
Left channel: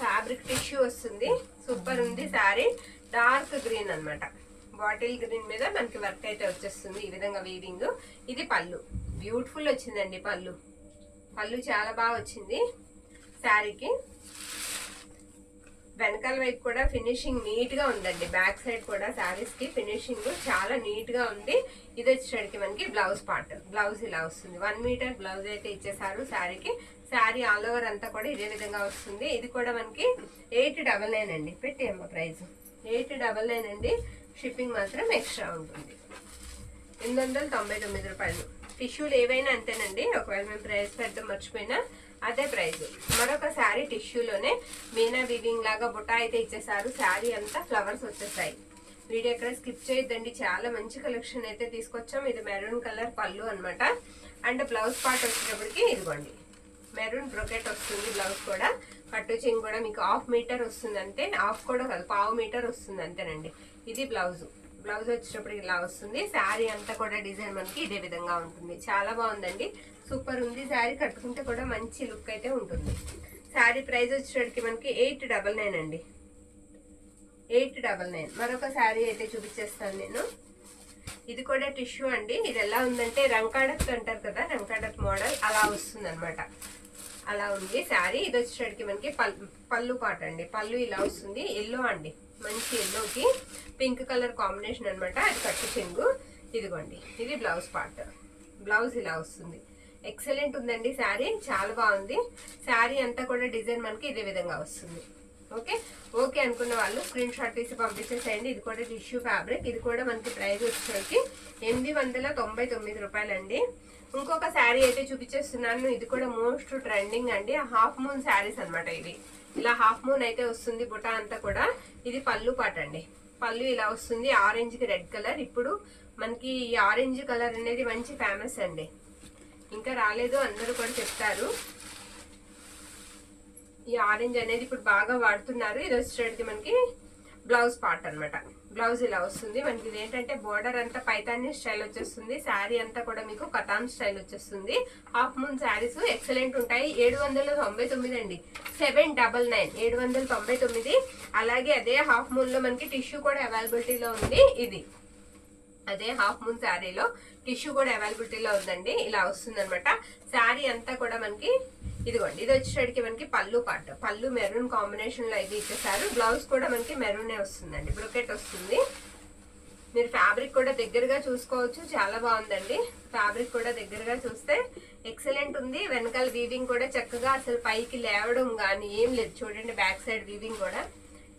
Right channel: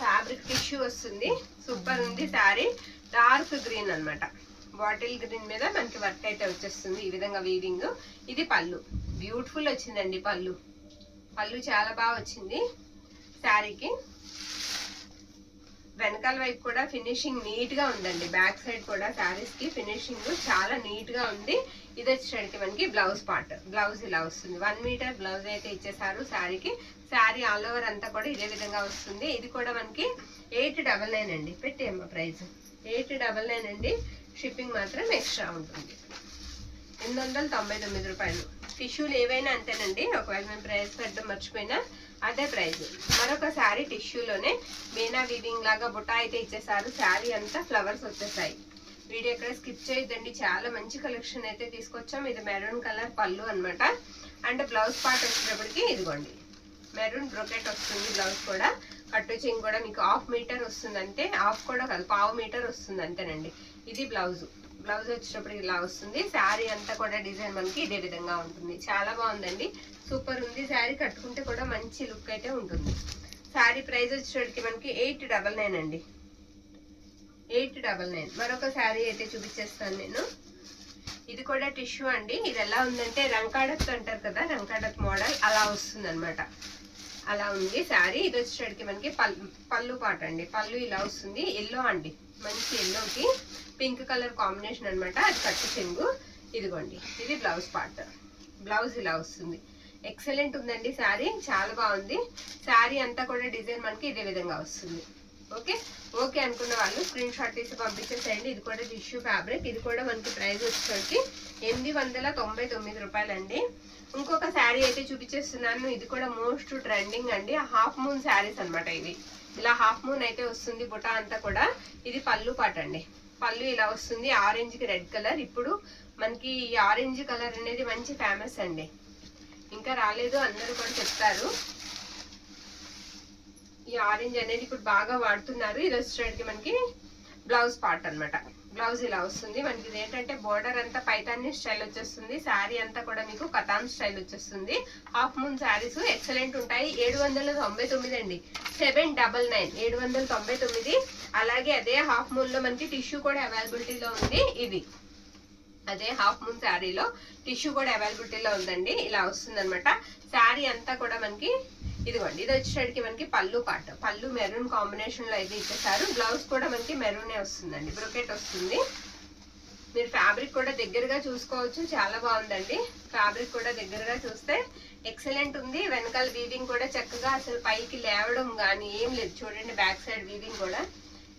ఫ్యాబ్రిక్ టిష్యూ వస్తుంది. సూపర్ ఉంది శారీ. డార్క్ గ్రీన్ అన్నమాట. బాటిల్ గ్రీన్ మీద మనకి వర్క్ అయితే వచ్చేస్తుంది ఈ విధంగా వీవింగ్. ఇది పళ్ళు, బ్యూటిఫుల్ వచ్చిందండి. పళ్ళు చాలా బాగా వచ్చింది శారీకి. వెనకాల వైపు కూడా ఫినిషింగ్ నీట్ గా ఉందండి. బ్యాక్ సైడ్ కూడా శారీస్ కి ఫినిషింగ్ చాలా నీట్ గా ఉంది. ఇది వచ్చేసరికి మనకి బ్లౌజ్ పార్ట్. బ్లౌజ్ ఇలా వస్తుంది. 1 మీటర్ బ్లౌజ్ అయితే ఇచ్చేసారు శారీకి. శారీ ఆల్ ఓవర్ అంతా కూడా ఇదే విధంగా వస్తుంది. ఇది కూడా మనకి 899 అండి. పెట్టేయమ్మ ప్రైస్ 899 అండి. షిప్పింగ్ మాత్రం ఎక్స్ట్రా ఉంటుంది. 899 రూపాయలు. టిష్యూలు ఏవైనా అంతేనండి. ఒకవేళ మేము ప్రైస్ పెట్టడం మర్చిపోయినా అదే ప్రైస్. మరొక శారీ టిష్యూలోనే మీనా వీవింగ్ లాగా బుట్ట అయితే ఇచ్చేసారు. శారీ అంతా ఫ్లవర్స్ వచ్చేసాయి. వీడియో ఎక్కడ స్కిప్ చేయొద్దండి, చాలా మంచి కలెక్షన్ అయితే తీసుకొచ్చాం. ఇది మెరూన్ కలర్ పళ్ళు అన్నమాట. అండ్ బ్లౌజ్ పార్ట్ వచ్చేటప్పటికి ఇదిగోండి మెరూన్ బ్రొకెట్ వస్తుంది. బ్లౌజ్ కూడా కట్టు చెంగు కూడా మీకు 1/2 మీటర్ వస్తుంది అంతే, హాఫ్ కూడా కాదు 1/4 మీటర్ వస్తుంది అంతేనండి. ఇది బ్లౌజ్ వచ్చేటప్పటికి ఇలా వస్తుంది. శారీ అంతా కూడా డిజైన్ మనకి ఇదే విధంగా ఉంటుంది. చాలా బాగుందండి, సూపర్ ఉంది. శారీ కట్టుకుంటే కూడా మంచి లుక్ అయితే ఉంటుంది. శారీ ప్రైస్ వచ్చేటప్పటికి మనకి 899 అండి, 899. మరొక శారీ అయితే చూపించేస్తాను నేను. ఇది కూడా టిష్యూ అండి. ఇది ఎలా ఉందంటే రంకాడక్ అంటారు కదా, రంకాడక్ మోడల్ అలా వస్తుంది అనమాట. అలా ఉంది శారీ. ఇది వచ్చేటప్పటికి మనకి పళ్ళు పాట అండి. పళ్ళు ఇలా వస్తుంది, ఎల్లో అండి, మంచి ఎల్లోకి పింక్ కలర్ కాంబినేషన్ అనమాట. అది కట్టు చెంగు. ఇదిగోండి ఇది బ్లౌజ్ పార్ట్. బ్లౌజ్ ఇలా వస్తుంది. ఎక్సలెంట్ ఉందండి శారీ, చాలా బాగుంది. శారీ అంతా కూడా డిజైన్ మనకి ఇదే విధంగా వస్తుంది. ఓకే అనుకున్న వాళ్ళు స్క్రీన్ షాట్ తీసి పంపించేసేయండి. ఇది కూడా టిష్యూ ఫ్యాబ్రిక్. ఇది కూడా మనకి ప్రైస్ వచ్చేసరికి 899 రూపాయలండి. ఇంకొక శారీ అయితే చూపించేస్తున్నాను. ఇది కూడా మోస్ట్ ట్రెండింగ్ అండి. హాఫ్ మూన్ శారీస్ అనమాట. ఇవి ఇలా హాఫ్ మూన్ అయితే వస్తుంది బుటా అంతా కూడా. ఇది పళ్ళు పాట అండి. పళ్ళు ఇలా వస్తుంది, ఆరెంజ్ కి రెడ్ కలర్. ఇప్పుడు మనకి ఈ ఆరెంజ్ కలర్ అనేది మంచి ఫేమస్ అండి, ఇంకా రాలేదు అందరూ కూడా చెప్తారు. ఈ ఆరెంజ్ అనేది ఇప్పుడు బాగా వాడుతున్నారు. ఇది వచ్చేటికి మనకి బ్లౌజ్ పార్ట్ అనమాట. బ్లౌజ్ ఇలా వస్తుంది మనకి. ఇది ఏంటంటే బోర్డర్ అంతా పైతాని స్టైల్ వచ్చేస్తుంది. శారీ అంతా కూడా మీకు కతాన్ స్టైల్ వచ్చేస్తుంది. హాఫ్ మూన్ శారీస్ ఎక్సలెంట్ ఉంటాయి. 799 అండి, 799, 799. అలాగే అదే హాఫ్ మూన్ లో మనకి టిష్యూ కూడా అవైలబిలిటీలో ఉంది. ఇది అదే హాఫ్ మూన్ శారీలో టిష్యూ కూడా అవైలబిలిటీలో ఉందండి. ఇలా వస్తుంది అనమాట. శారీ అంతా కూడా మనకి ఇదిగోండి. ఇది వచ్చేటికి మనకి పళ్ళు పార్ట్. పళ్ళు మెరూన్ కాంబినేషన్ లో అయితే ఇచ్చేసారు. బ్లౌజ్ కూడా మనకి మెరూనే వస్తుందండి, బ్రొకెట్ వస్తుంది. మీరు ఫ్యాబ్రిక్ కూడా దగ్గరగా చూసుకోవచ్చు, చాలా బాగుందండి. ఫ్యాబ్రిక్ కూడా దగ్గరగా చూస్తే ఎక్సలెంట్ ఉంది. వెనకాల వీవింగ్ కూడా చక్కగా అసలు పైకి లేవడం కానీ ఏం లేదు. చూడండి బ్యాక్ సైడ్ వీవింగ్ కూడా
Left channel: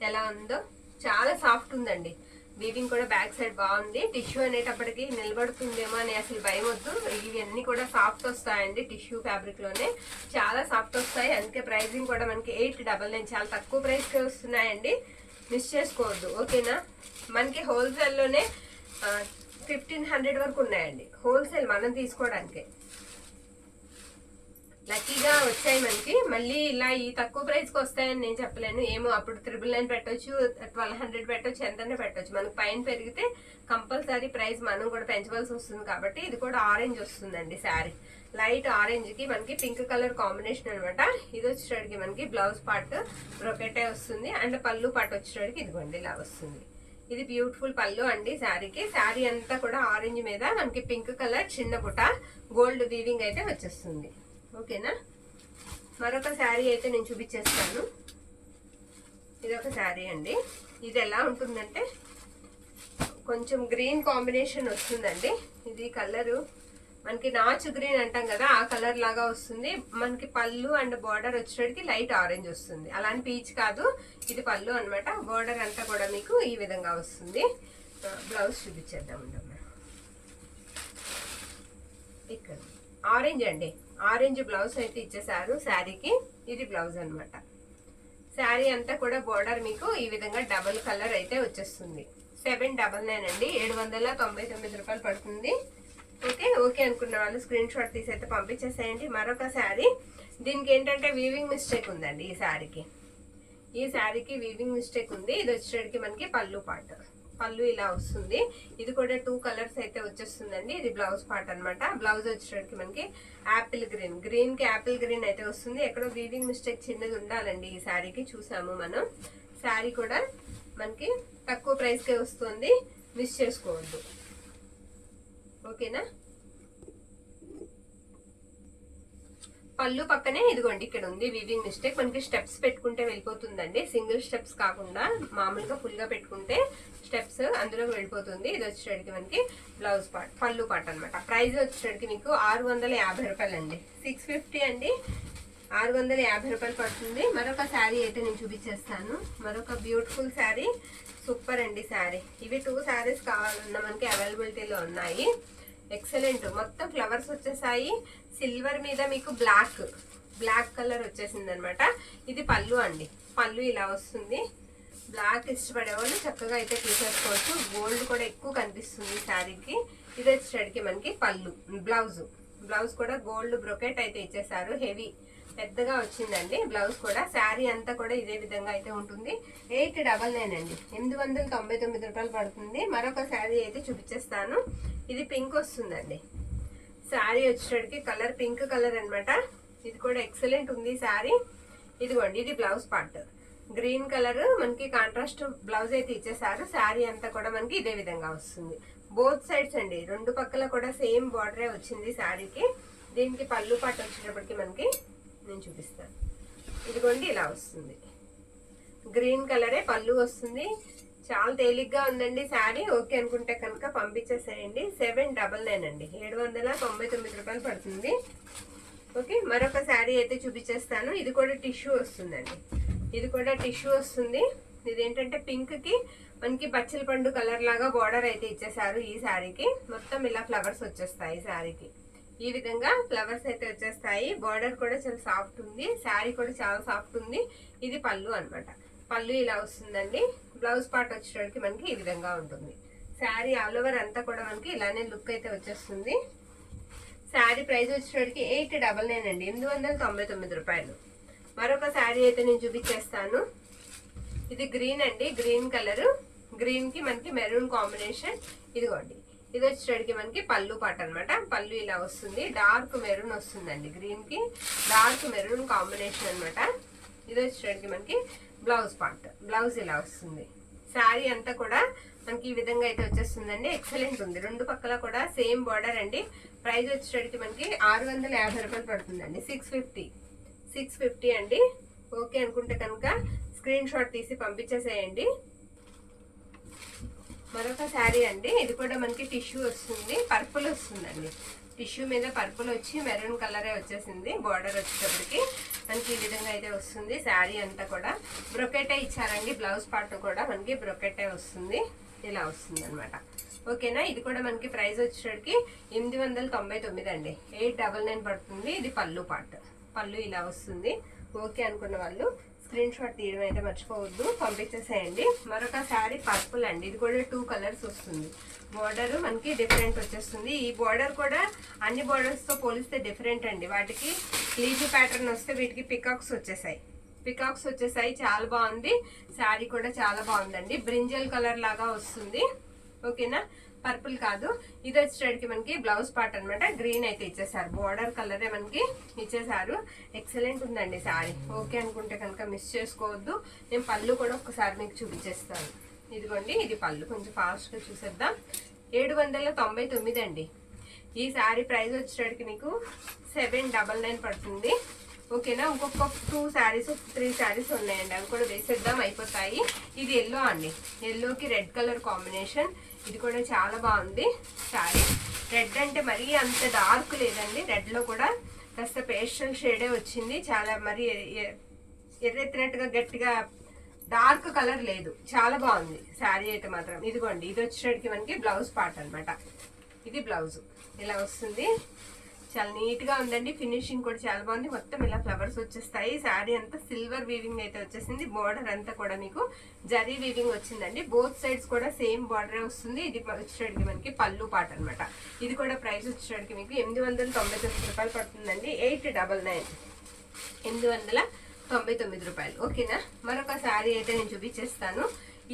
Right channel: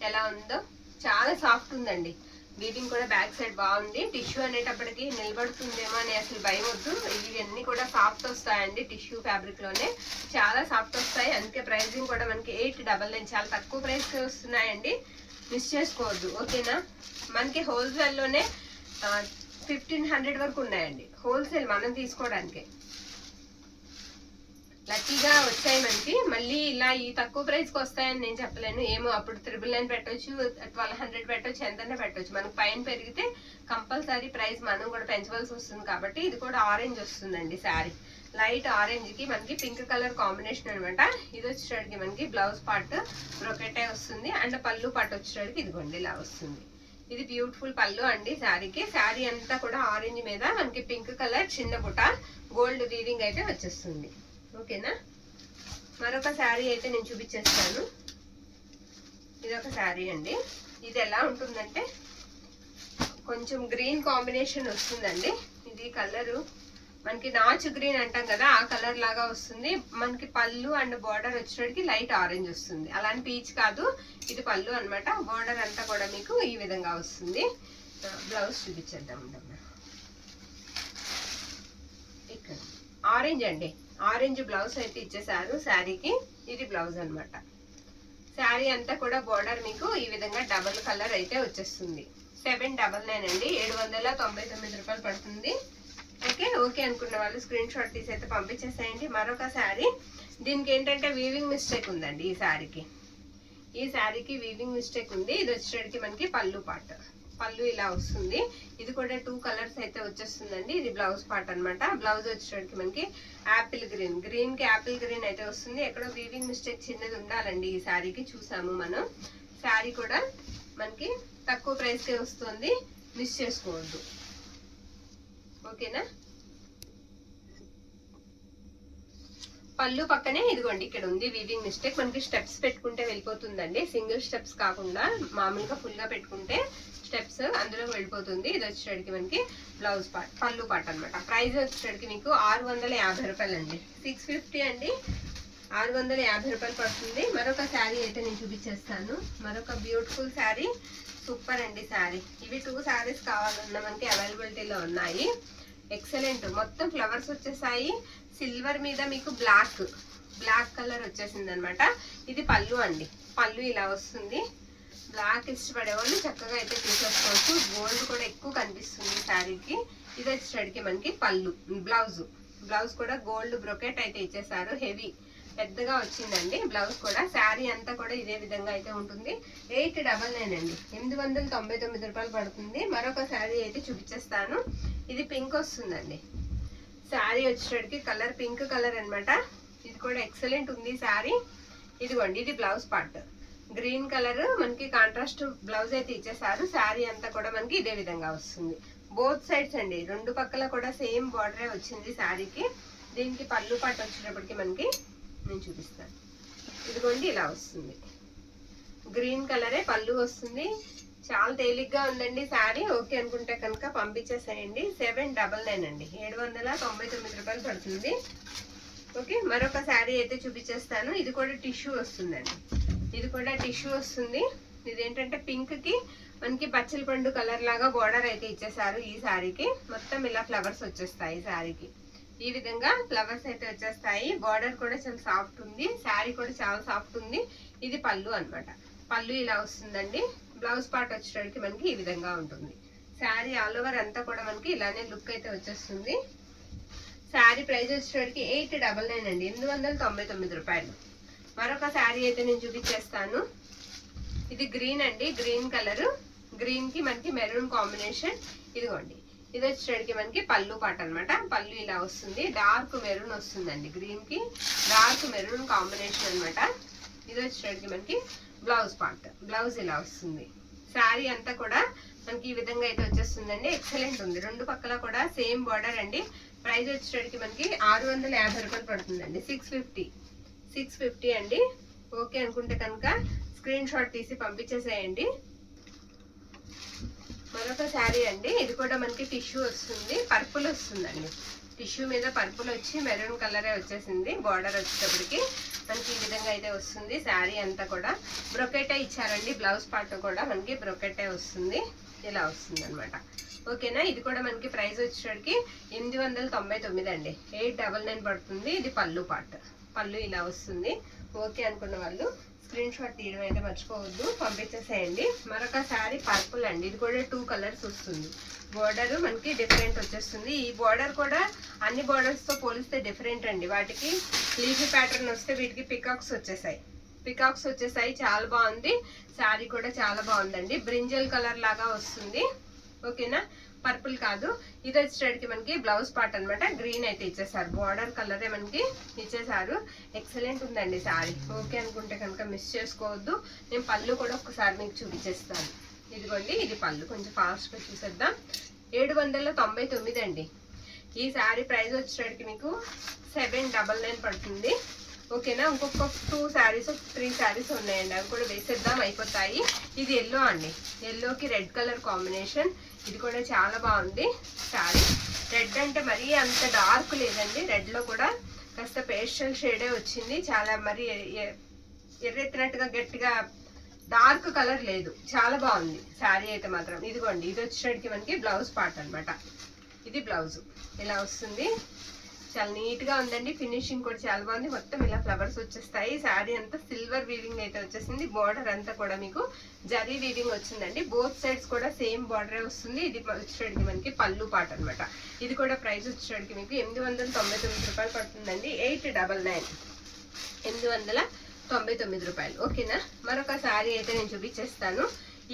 ఎలా ఉందో, చాలా సాఫ్ట్ ఉందండి. వీవింగ్ కూడా బ్యాక్ సైడ్ బాగుంది. టిష్యూ అనేటప్పటికి నిలబడుతుందేమో అని అసలు భయం వద్దు. ఇవన్నీ కూడా సాఫ్ట్ వస్తాయండి, టిష్యూ ఫ్యాబ్రిక్ లోనే చాలా సాఫ్ట్ వస్తాయి. అందుకే ప్రైజింగ్ కూడా మనకి 899, చాలా తక్కువ ప్రైస్ కి వస్తున్నాయండి. మిస్ చేసుకోవద్దు, ఓకేనా. మనకి హోల్సేల్లోనే 1500 వరకు ఉన్నాయండి, హోల్సేల్ మనం తీసుకోవడానికి. లక్కీగా వచ్చాయి మనకి. మళ్ళీ ఇలా ఈ తక్కువ ప్రైస్ కి వస్తాయని నేను చెప్పలేను. ఏమో అప్పుడు 999 పెట్టొచ్చు, 1200 పెట్టొచ్చు, ఎంతనే పెట్టొచ్చు. మనకు పైన పెరిగితే కంపల్సరీ ప్రైస్ మనం కూడా పెంచవలసి వస్తుంది. కాబట్టి ఇది కూడా ఆరెంజ్ వస్తుందండి శారీ. లైట్ ఆరెంజ్ కి మనకి పింక్ కలర్ కాంబినేషన్ అనమాట. ఇది వచ్చేటికి మనకి బ్లౌజ్ పార్ట్ బ్రొకెటే వస్తుంది. అండ్ పళ్ళు పార్ట్ వచ్చేటికి ఇదిగోండి ఇలా వస్తుంది. ఇది బ్యూటిఫుల్ పళ్ళు అండి శారీకి. శారీ అంతా కూడా ఆరెంజ్ మీద మనకి పింక్ కలర్ చిన్న బుట్ట గోల్డ్ వీవింగ్ అయితే వచ్చేస్తుంది, ఓకేనా. మరొక శారీ అయితే నేను చూపించేస్తాను. ఇది ఒక శారీ అండి. ఇది ఎలా ఉంటుందంటే కొంచెం గ్రీన్ కాంబినేషన్ వస్తుందండి. ఇది కలరు మనకి నాచు గ్రీన్ అంటాం కదా, ఆ కలర్ లాగా వస్తుంది. మనకి పళ్ళు అండ్ బార్డర్ వచ్చేటికి లైట్ ఆరెంజ్ వస్తుంది. అలాంటి పీచ్ కాదు, ఇది పళ్ళు అనమాట. బార్డర్ అంతా కూడా మీకు ఈ విధంగా వస్తుంది. బ్లౌజ్ చూపించేద్దాం. ఇక్కడ ఆరెంజ్ అండి, ఆరెంజ్ బ్లౌజ్ అయితే ఇచ్చేసారు శారీకి. ఇది బ్లౌజ్ అనమాట. శారీ అంతా కూడా బోర్డర్ మీకు ఈ విధంగా డబుల్ కలర్ అయితే వచ్చేస్తుంది. 799 అండి, 799 రూపాయలు పడుతుంది. ఓకే అనుకున్న వాళ్ళు స్క్రీన్ షాట్ తీసి అయితే పంపించేసేయండి. మరొక శారీ, దీనికి ఏంటంటే వీవింగ్ మిస్టేక్ ఉందండి. ఈ శారీకి వీవింగ్ మిస్టేక్ ఉంది. ఇది వచ్చేటికి మనకి పళ్ళు పార్ట్. పళ్ళు ఇలా వస్తుంది. ఇది కూడా 2 కలర్స్ అయితే వచ్చేస్తుందండి. ఇది బ్లౌజ్ పార్ట్ అనమాట. బ్లౌజ్ వచ్చేటికి మనకి యాపిల్ గ్రీన్, గ్రీన్ కి యాపిల్ గ్రీన్ అయితే వస్తుంది. ఎక్కడో వీవింగ్ మిస్టేక్ చిన్నది ఉండాలండి ఈ శారీకి, చూసాము మనం. శారీ కూడా మనకి తక్కువ ప్రైస్ కే వస్తుంది, మిస్ చేసుకోవద్దు, ఓకేనా. పళ్ళు పక్కనే ఇదిగోండి ఇక్కడ ఉంది వీవింగ్ మిస్టేక్. మనకి స్టెప్స్ పెట్టుకుంటే వెళ్ళిపోతుందండి, సింగిల్ స్టెప్స్ కాకుండా మామూలుగా ఫుల్ గా పెట్టుకుంటే స్టెప్స్ అందులో వెళ్ళిపోతుంది. ఇది వచ్చేటికి మనకి బ్లౌజ్ పార్ట్, పళ్ళు పార్ట్ అనమాట. ప్రైస్ వచ్చేటికి మీకు 650 రూపాయలండి, 650 అండి, 650 రూపాయలు పడుతుంది. మరొక శారీ అయితే నేను చూపించేస్తాను. మరొక బ్యూటిఫుల్ శారీ, సూపర్ అండి శారీ. ఇవి 2 శారీస్ కావాలన్నా మనకి అవైలబిలిటీలో ఉన్నాయి. ఎక్సలెంట్, మొత్తం ఫ్లవర్స్ వచ్చేసాయి. సిల్వర్ మీద మీకు బ్లాక్ కలర్ వచ్చేసింది అనమాట. ఇది పళ్ళు అండి. పళ్ళు ఇలా వస్తుంది. బ్లాక్ ఇష్టపడే వాళ్ళు చక్కగా అయితే తీసేసుకోవచ్చు. గోల్డ్ కూడా ఎక్కువ కనిపిస్తుంది శారీకి. ఇది వచ్చేసరికి మనకి పళ్ళు, బ్లౌజ్ కూడా గోల్డ్ బ్రొకెట్ అయితే ఇచ్చేసారు. హెవీ పెద్దగా వచ్చిందండి బ్లౌజ్ కూడా. శారీ అంతా కూడా ఇదే విధంగా అయితే ఉంటుంది. 899 అండి, 899 రూపాయలు పడుతుంది. మరొక శారీ అయితే చూపించేస్తాను. ఇది పింక్ వస్తుందండి. శారీ వచ్చేసరికి కలర్ పింక్ కలర్ అనమాట. ఇది కూడా ఎక్సలెంట్ ఉంది శారీ. ఇదిగోండి, ఇది బ్లౌజ్ పార్ట్. గ్రీన్ కలర్ మనకి కాంట్రాస్ట్ బ్లౌజ్ అయితే ఇచ్చేసారు. శారీ అంతా కూడా మనకి ఇదే విధంగా వస్తుంది. బోత్ సైడ్స్ అండి, రెండు పక్కల కూడా సేమ్ బార్డరే వచ్చింది శారీకి. దీనికి పళ్ళు పాటు వచ్చేటప్పటికి మనకి నేను చూపిస్తాను. ఇదిగోండి, ఇలా వస్తుంది. గ్రీన్ కలరే పళ్ళు వస్తుంది. చాలా తేలిగ్గా ఉందండి శారీ. ఓకే అనుకుంటే కనుక పంపించేసేయండి. 799 అండి, 799 రూపాయలు పడుతుంది. ఓకే, మరొక శారీ అయితే చూపించేస్తాను. ఇది కూడా టిష్యూ వస్తుందండి. ఇది కూడా టిష్యూ వస్తుంది. ఇదేంటంటే పింక్ కి మనకి పచ్చల పండు కలర్ లాగా బార్డర్ అయితే ఇచ్చేసారు. ఈ శారీకి మొత్తం ఇలా ఫ్లవర్స్ వచ్చేస్తాయి. శారీకి ఈ విధంగా ఫ్లవర్స్ అయితే వచ్చేస్తాయి. బార్డర్ కూడా చాలా సాఫ్ట్ ఉంది. శారీ కూడా చాలా సాఫ్ట్ ఉంది. ఇది పళ్ళు అన్నమాట. పళ్ళు ఇలా వస్తుందండి. బ్లౌజ్ పార్ట్ వచ్చేటప్పటికి మనకి ఈ విధంగా ఉంటుంది. శారీ ఆల్ ఓవర్ అంతా కూడా మనకి ఇలానే లుక్ అయితే వచ్చేస్తుంది. శారీ ప్రైస్ వచ్చేటప్పటికి 899 అండి, 899 రూపాయలు. మరొక శారీ అయితే నేను చూపించేస్తాను. ఇది గ్రీన్ అండి, గ్రీన్ కలర్. గ్రీన్ కి మనకి మెరూన్ కాంబినేషన్. ఇదిగోండి, ఇది వచ్చేటప్పటికి మనకి పళ్ళు పాట అనమాట. పళ్ళు ఇలా వస్తుంది. డార్క్ మెరూన్ వస్తుందండి. గ్రీన్ కి డార్క్ మెరూన్ కాంబినేషన్ అనమాట. ఇది వచ్చేటప్పటికి మనకి బ్లౌజ్ పార్ట్. బ్లౌజ్ ఇలా వస్తుంది. శారీ అంతా కూడా మనకి ఈ విధంగా అయితే వచ్చేస్తుందండి. ఎక్సలెంట్ ఉంది. రెండు పక్కల కూడా సేమ్ బార్డర్ అండి. ప్రైస్ వచ్చేటప్పటికి మనకి 650 రూపాయలు పడుతుందండి. 650 అండి. ఓకే అనుకుంటే కనుక స్క్రీన్ షాట్ తీసి పంపించేసేయండి. మరొక శారీ అండి. ఇది కూడా మనకి టిష్యూ వస్తుంది. పర్పుల్ వస్తుందండి. టిష్యూ మీద పర్పుల్ వచ్చి మెరూన్ కలరే వచ్చేసింది. బార్డర్ వచ్చేటప్పటికి మనకి ఈ విధంగా అయితే వస్తుంది. శారీ అంతా కూడా బ్రొకెటే ఇచ్చారండి. బ్లౌజ్ పార్ట్ కూడా మనకి బ్రొకెటే వస్తుంది. ఇలా వస్తుంది అనమాట. ఓకేనా, ఇది కూడా మనకి ప్రైస్ వచ్చేసరికి 899 అండి, 899 పడుతుంది. ఇది పళ్ళు పార్ట్. పళ్ళు ఇలా వస్తుంది. ఓకే అనుకున్న వాళ్ళు స్క్రీన్ షాట్ తీయడం అయితే మర్చిపోవద్దు, పంపించేసేయండి. మరొక శారీ పర్పుల్ అండి. ఇది కూడా 2 కలర్స్ వస్తుంది. బోర్డర్ మనకి డిఫరెంట్ వచ్చేస్తుంది. ఈ బోర్డర్ కూడా అన్ని బోర్డర్స్ తో పోలిస్తే డిఫరెంట్ అండి. వాటికి లీఫీ ప్యాటర్న్ వస్తే వీటికి పికాక్స్ వచ్చేసాయి. చాలా బాగుంది. శారీ కూడా చాలా బాగుందండి. బ్రింజల్ కలర్ లాగా వస్తుంది. ఓకేనా, పర్పుల్ కాదు. ఇది వచ్చేటికి మనకి బ్లౌజ్ పార్ట్ అనమాట. గ్రీన్ అయితే ఇచ్చేసారు. బార్డర్ కలరే మనకి ఇచ్చేసారు. ఎక్సలెంట్ ఉందండి శారీ. ఓకే అనుకుంటే కనుక మిస్ చేసుకోవద్దు. నేను పళ్ళు కూడా ఒకసారి మీకు చూపించేస్తాను. ఇదిగోండి, ఇది పళ్ళు. కొంచెం ఫాస్ట్ గా చూసేద్దాం. 799 అండి. ఈ శారీ ప్రైస్ వచ్చేటికి మీకు 799 పడుతుంది. ఓకేనా, ఇంకొక 2 శారీస్ 3 శారీస్ ఉన్నాయండి. అవి కూడా వేసేద్దాం, అయిపోతాయి. ఇది ఎల్లో అండి. ఎల్లోకి రెడ్ కలర్ కాంబినేషన్. ఇది కూడా చాలా బాగుంది శారీ. రెడ్ అంటే మరీ అంత డార్క్ లేదండి. రెడ్ లో కూడా కాస్త పేస్టల్ షేడే వచ్చింది. చాలా మరి ఎర్రెత్తినట్టుగా గట్టిగా డార్క్ కలర్ లేదు. చాలా బాగుంది శారీ అయితే మాత్రం. ఇదిగోండి, ఇది వచ్చేటికి మనకి బ్లౌజ్ పార్ట్ అనమాట. ఇది బ్లౌజ్ ఇలా వస్తుంది. చాలా నీట్ గా ఉందండి. ఫినిషింగ్ కూడా చాలా బాగుంది. మొత్తం ఇలా ఫ్లవర్స్ వచ్చేస్తాయి. శారీ అంతా సిల్వర్ వీవింగ్ అయితే వచ్చేసింది. బార్డర్ అంతా కూడా మీకు జరీ వీవింగ్ వచ్చిందండి. బోత్ సైడ్స్ కూడా సేమ్ బార్డర్ వస్తుంది. ఇది వచ్చేటికి మనకి పళ్ళు పాట అనమాట. ఇది కూడా ప్రైస్ వచ్చేటికి మీకు 899 రూపాయలు పడుతుందండి. 899, 899 రూపాయలు. ఓకేనా, మరొక శారీ అయితే నేను చూపించేస్తాను.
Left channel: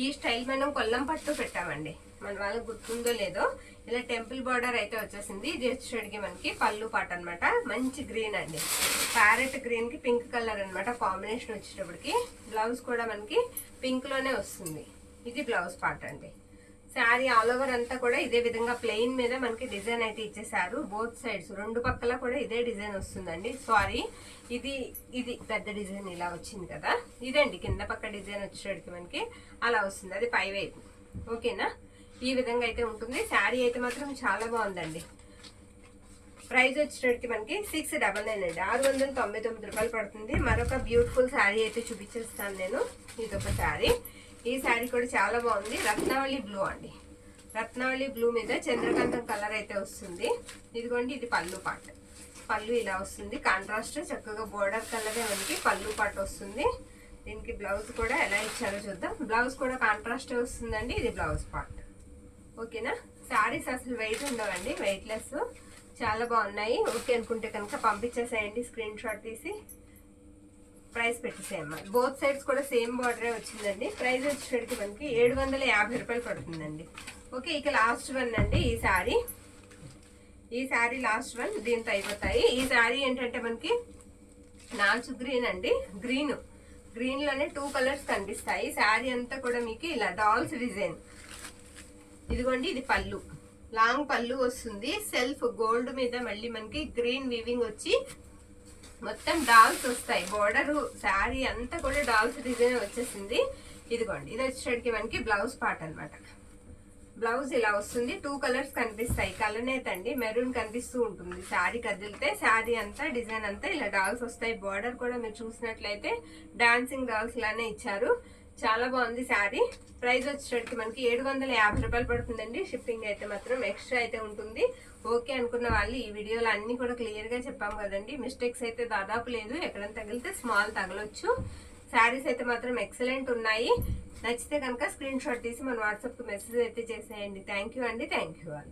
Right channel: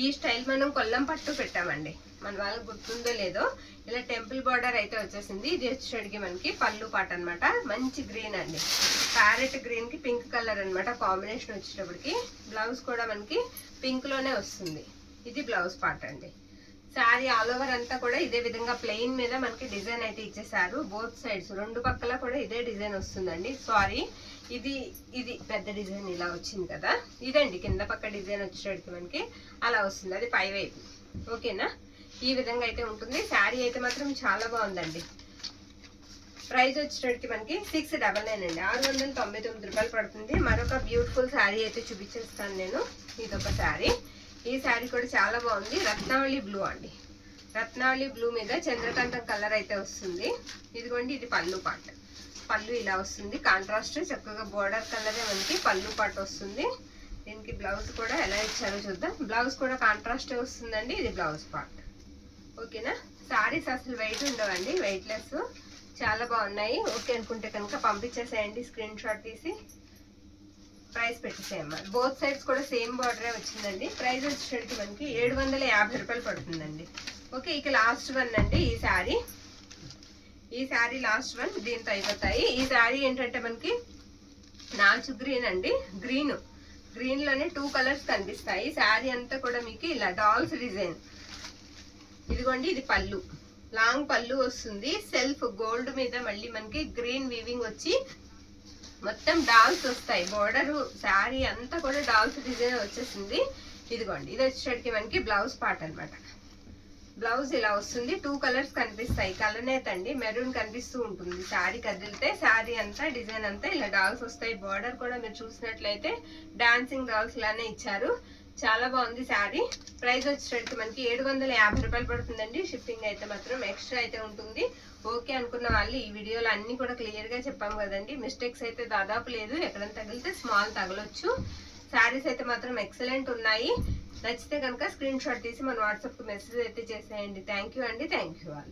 ఈ స్టైల్ మనం కొల్లం పట్టు పెట్టామండి. మన వాళ్ళకి గుర్తుందో లేదో, ఇలా టెంపుల్ బార్డర్ అయితే వచ్చేసింది. ఇది వచ్చేటికి మనకి పళ్ళు పాట అనమాట. మంచి గ్రీన్ అండి. ప్యారెట్ గ్రీన్ కి పింక్ కలర్ అనమాట కాంబినేషన్ వచ్చేటప్పటికి. బ్లౌజ్ కూడా మనకి పింక్ లోనే వస్తుంది. ఇది బ్లౌజ్ పార్ట్ అండి. శారీ ఆల్ ఓవర్ అంతా కూడా ఇదే విధంగా ప్లెయిన్ మీద మనకి డిజైన్ అయితే ఇచ్చేసారు. బోత్ సైడ్స్ రెండు పక్కల కూడా ఇదే డిజైన్ వస్తుందండి. సారీ, ఇది పెద్ద డిజైన్ ఇలా వచ్చింది కదా, ఇదండి కింద పక్క డిజైన్ వచ్చేటికి మనకి అలా వస్తుంది. అది పై వైపు. ఓకేనా, ఈ విధంగా అయితే ఉంటుంది. శారీ అయితే మాత్రం చాలా బాగుందండి. ప్రైస్ వచ్చేటికి మనకి 699 అండి, 699 రూపాయలు పడుతుంది. మరొక బ్యూటిఫుల్ శారీ అయితే చూపించేస్తాను నేను. ఇదొక శారీ. ఈ శారీ కూడా చాలా బాగుంది. రత్నావళి బ్లూ అండి. రత్నావళి బ్లూ మీద చంద్రకాంతం కలర్ అయితే వస్తుంది. ఇదిగోండి, ఇది పళ్ళు పార్ట్. పళ్ళు ఇలా వస్తుంది. కాంట్రాస్ట్ చక్కగా బోర్డర్ కలరే మనకి పళ్ళు పార్ట్ వస్తుంది. దీనికి బ్లౌజ్ కూడా ఎలా ఇచ్చారో చూద్దాం. బ్లౌజ్ కూడా కాంట్రాస్ట్ వస్తుందండి. ఇది బ్లౌజ్ పార్ట్. ఓకేనా. శారీస్ అసలు వెయిట్ ఉండవండి, వెయిట్లెస్, చాలా బాగున్నాయి. ఓకే అనుకుంటే కనుక పంపించేసేయండి స్క్రీన్ షాట్ తీసి. ప్రైస్ పెట్టేసేయమ్మా. బోత్ సైడ్స్ కూడా సేమ్ బార్డరే వచ్చిందండి. ప్రైస్ వచ్చేసరికి మనకి 750 రూపాయలు పడుతుందండి. ఓకే, ఇక లాస్ట్ వన్ అండి ఈ శారీ. ఈ శారీ లాస్ట్ వన్, దీంతో అయిపోతాయి. ఈ శారీ ఏంటంటే మనకి నాచు గ్రీన్ అండి. గ్రీన్ లోనే 2 కలర్స్ కనిపిస్తాయి. శారీ అంతా కూడా మీకు ఇలా డాల్స్ డిజైన్. ఇదిగోండి, ఇది పళ్ళు, లాంగ్ పళ్ళు వస్తుంది. సెల్ఫ్ గోల్డ్ మీద మళ్ళీ మనకి గ్రీన్ వీవింగ్ వచ్చి మొత్తం డాల్స్ వస్తాయి. బోర్డర్ శారీ అంతా కూడా డాల్స్ డిజైన్ వచ్చేసింది. ఇదిగోండి, ఇది వచ్చేసరికి మనకి బ్లౌజ్ పార్ట్ అన్నమాట. బ్లౌజ్ ఇలా వస్తుంది. 2 కలర్స్ కనిపిస్తాయి. కలనేత అండి, మెరూన్ కనిపిస్తూ ఉంటుంది. శారీ కదిలితే శారీ అంతా డిజైన్ అంతా ఇలా డాల్స్ వస్తాయి. బోర్డర్ కూడా మీరు చూసినట్లయితే డాన్సింగ్ డాల్స్ లానే ఇచ్చారు. చాలా బాగుంది శారీ. ప్రైస్ వచ్చేసరికి మనకి 750 రూపాయలు పడుతుందండి. షిప్పింగ్ అయితే మాత్రం ఎక్స్ట్రా అయితే ఉంటుంది. ఓకే అనుకున్న వాళ్ళు ఈ వీడియోలో అన్ని కూడా క్లియర్ గా చెప్పాం కదండి. మిస్టేక్స్ అయితే దాదాపు లేదు. ఎక్కడైనా తగిలితే స్మాల్ తగలొచ్చు. శారీస్ అయితే మాత్రం ఎక్సలెంట్ ఉన్నాయి. నచ్చితే కనుక స్క్రీన్ షాట్ తీసి మన వాట్సాప్ కు మెసేజ్ అయితే చేసేయండి. థ్యాంక్ యూ అండి. Thank you all.